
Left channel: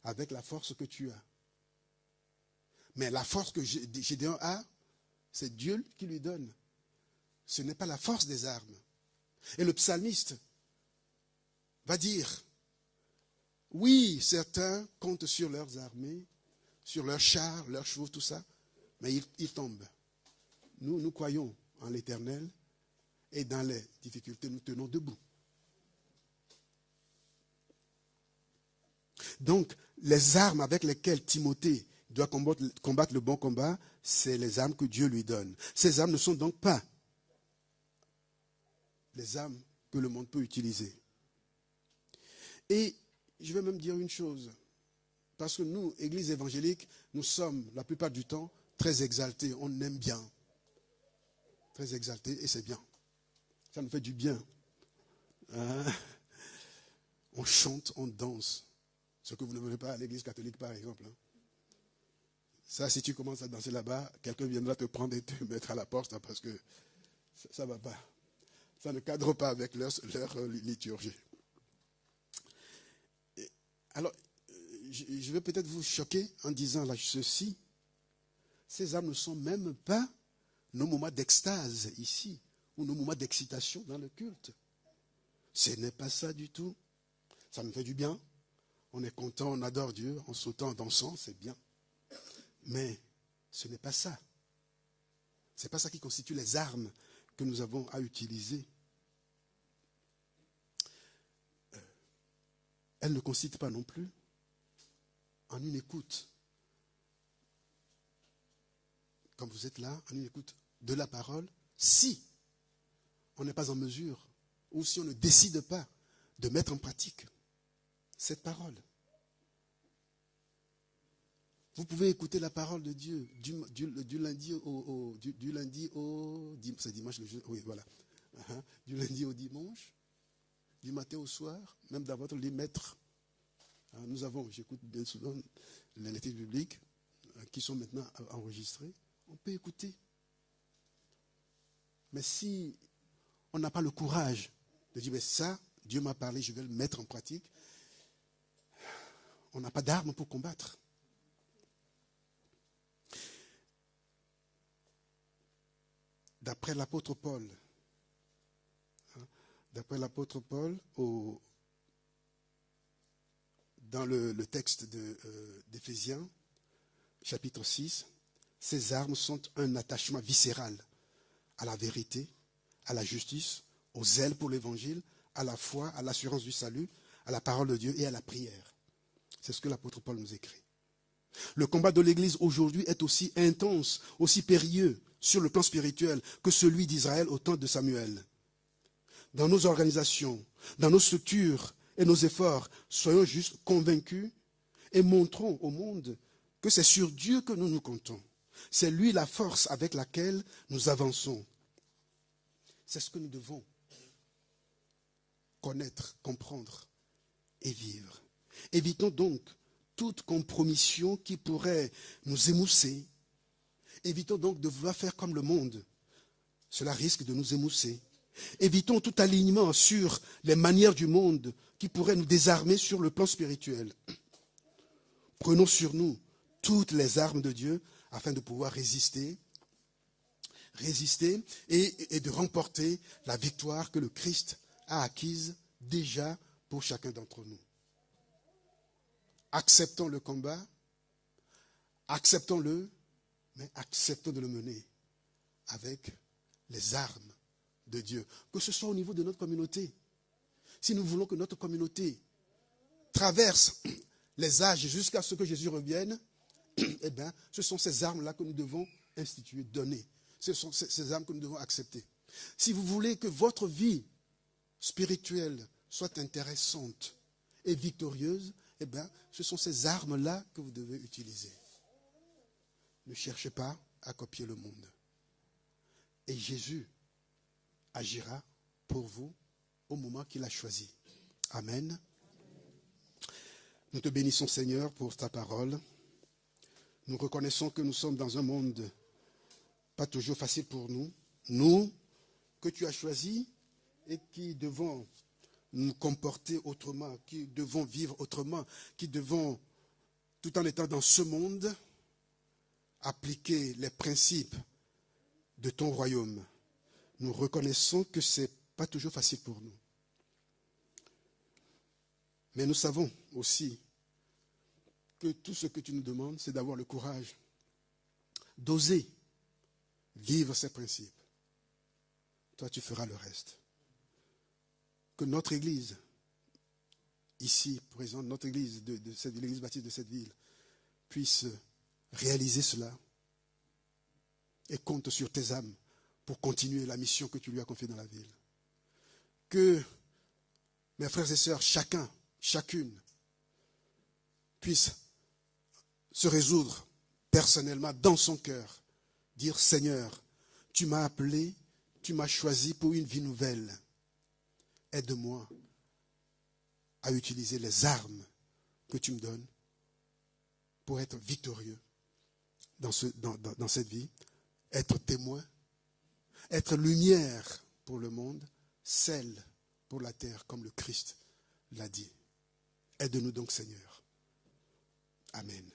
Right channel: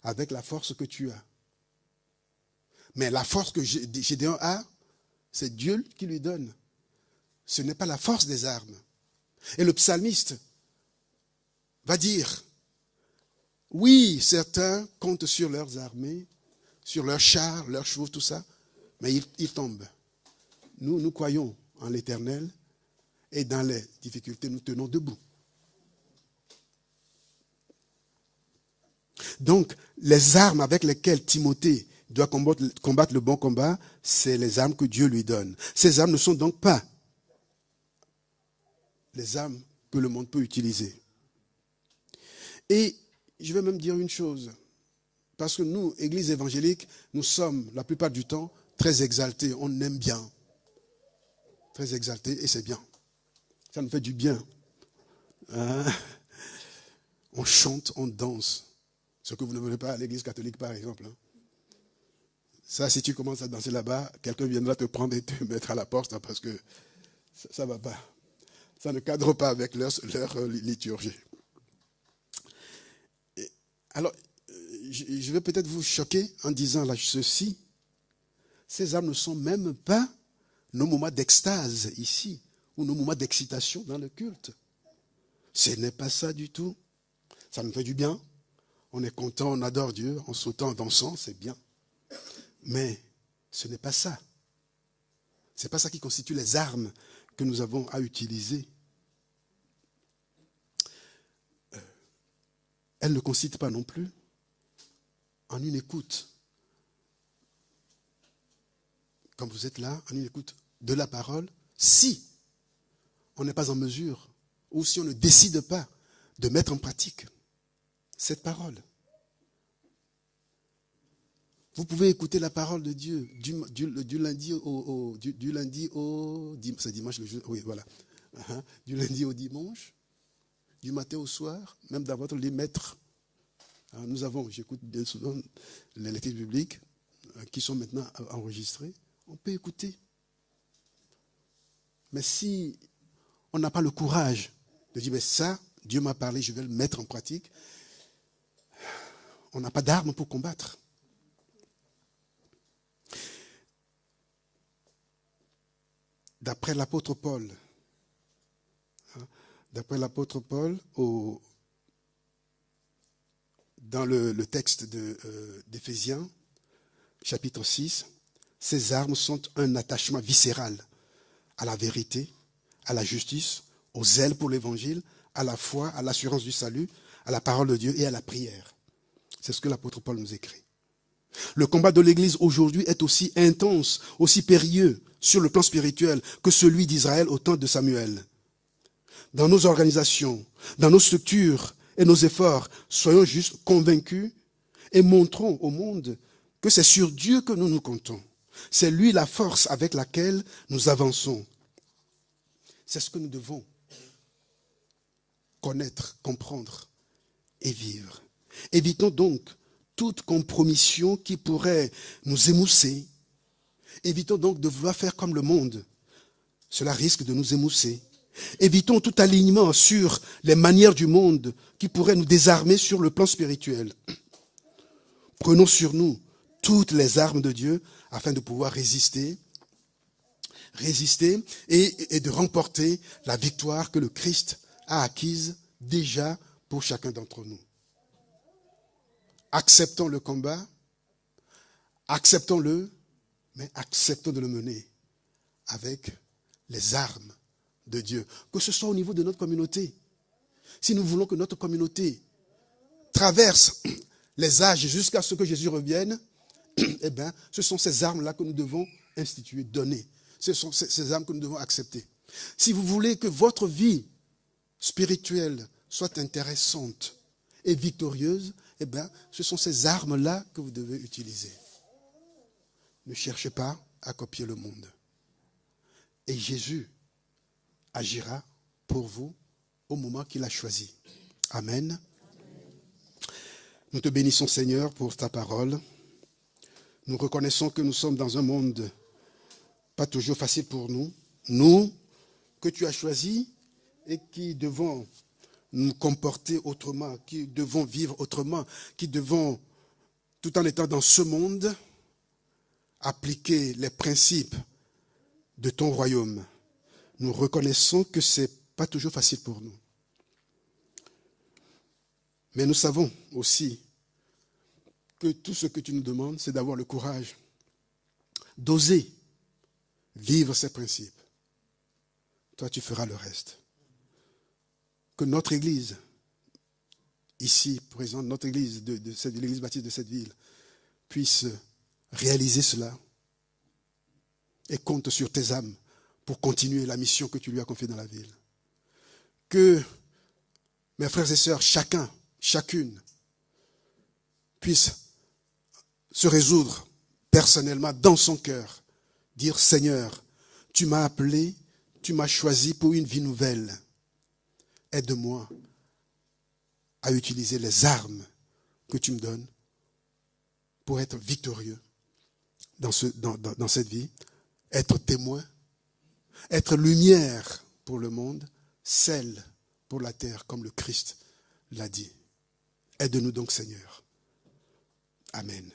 avec la force que tu as. Mais la force que Gédéon a, c'est Dieu qui lui donne. Ce n'est pas la force des armes. Et le psalmiste va dire, oui, certains comptent sur leurs armées, sur leurs chars, leurs chevaux, tout ça, mais ils tombent. Nous croyons en l'Éternel et dans les difficultés, nous tenons debout. Donc, les armes avec lesquelles Timothée doit combattre le bon combat, c'est les armes que Dieu lui donne. Ces armes ne sont donc pas les armes que le monde peut utiliser. Et je vais même dire une chose, parce que nous, Église évangélique, nous sommes la plupart du temps très exaltés, on aime bien. Très exaltés et c'est bien. Ça nous fait du bien. On chante, on danse. Ce que vous ne voulez pas à l'église catholique, par exemple. Ça, si tu commences à danser là-bas, quelqu'un viendra te prendre et te mettre à la porte parce que ça ne va pas. Ça ne cadre pas avec leur liturgie. Alors, je vais peut-être vous choquer en disant là ceci. Ces armes ne sont même pas nos moments d'extase ici, ou nos moments d'excitation dans le culte. Ce n'est pas ça du tout. Ça nous fait du bien. On est content, on adore Dieu, en sautant, en dansant, c'est bien. Mais ce n'est pas ça. Ce n'est pas ça qui constitue les armes que nous avons à utiliser. Elle ne consiste pas non plus en une écoute. Quand vous êtes là, en une écoute de la parole, si on n'est pas en mesure, ou si on ne décide pas de mettre en pratique cette parole. Vous pouvez écouter la parole de Dieu du lundi au c'est dimanche le jour, oui voilà, du lundi au dimanche, du matin au soir, même dans votre lit maître. J'écoute bien souvent les lectures bibliques qui sont maintenant enregistrées. On peut écouter. Mais si on n'a pas le courage de dire, mais ça, Dieu m'a parlé, je vais le mettre en pratique, on n'a pas d'armes pour combattre. D'après l'apôtre Paul, dans le texte d'Éphésiens, chapitre 6, ces armes sont un attachement viscéral à la vérité, à la justice, au zèle pour l'évangile, à la foi, à l'assurance du salut, à la parole de Dieu et à la prière. C'est ce que l'apôtre Paul nous écrit. Le combat de l'Église aujourd'hui est aussi intense, aussi périlleux sur le plan spirituel que celui d'Israël au temps de Samuel. Dans nos organisations, dans nos structures et nos efforts, soyons juste convaincus et montrons au monde que c'est sur Dieu que nous nous comptons. C'est lui la force avec laquelle nous avançons. C'est ce que nous devons connaître, comprendre et vivre. Évitons donc toute compromission qui pourrait nous émousser. Évitons donc de vouloir faire comme le monde. Cela risque de nous émousser Évitons tout alignement sur les manières du monde qui pourraient nous désarmer sur le plan spirituel. Prenons sur nous toutes les armes de Dieu afin de pouvoir résister et de remporter la victoire que le Christ a acquise déjà pour chacun d'entre nous. Acceptons le combat, acceptons-le, mais acceptons de le mener avec les armes de Dieu, que ce soit au niveau de notre communauté. Si nous voulons que notre communauté traverse les âges jusqu'à ce que Jésus revienne, eh bien, ce sont ces armes-là que nous devons instituer, donner. Ce sont ces armes que nous devons accepter. Si vous voulez que votre vie spirituelle soit intéressante et victorieuse, eh bien, ce sont ces armes-là que vous devez utiliser. Ne cherchez pas à copier le monde. Et Jésus agira pour vous au moment qu'il a choisi. Amen. Nous te bénissons, Seigneur, pour ta parole. Nous reconnaissons que nous sommes dans un monde pas toujours facile pour nous. Nous, que tu as choisis et qui devons nous comporter autrement, qui devons vivre autrement, qui devons, tout en étant dans ce monde, appliquer les principes de ton royaume. Nous reconnaissons que ce n'est pas toujours facile pour nous. Mais nous savons aussi que tout ce que tu nous demandes, c'est d'avoir le courage d'oser vivre ces principes. Toi, tu feras le reste. Que notre Église, ici présente, notre Église, de l'Église baptiste de cette ville, puisse réaliser cela et compte sur tes âmes pour continuer la mission que tu lui as confiée dans la ville. Que mes frères et sœurs, chacune, puisse se résoudre personnellement dans son cœur, dire Seigneur, tu m'as appelé, tu m'as choisi pour une vie nouvelle. Aide-moi à utiliser les armes que tu me donnes pour être victorieux dans cette vie, être témoin, être lumière pour le monde, sel pour la terre, comme le Christ l'a dit. Aide-nous donc, Seigneur. Amen.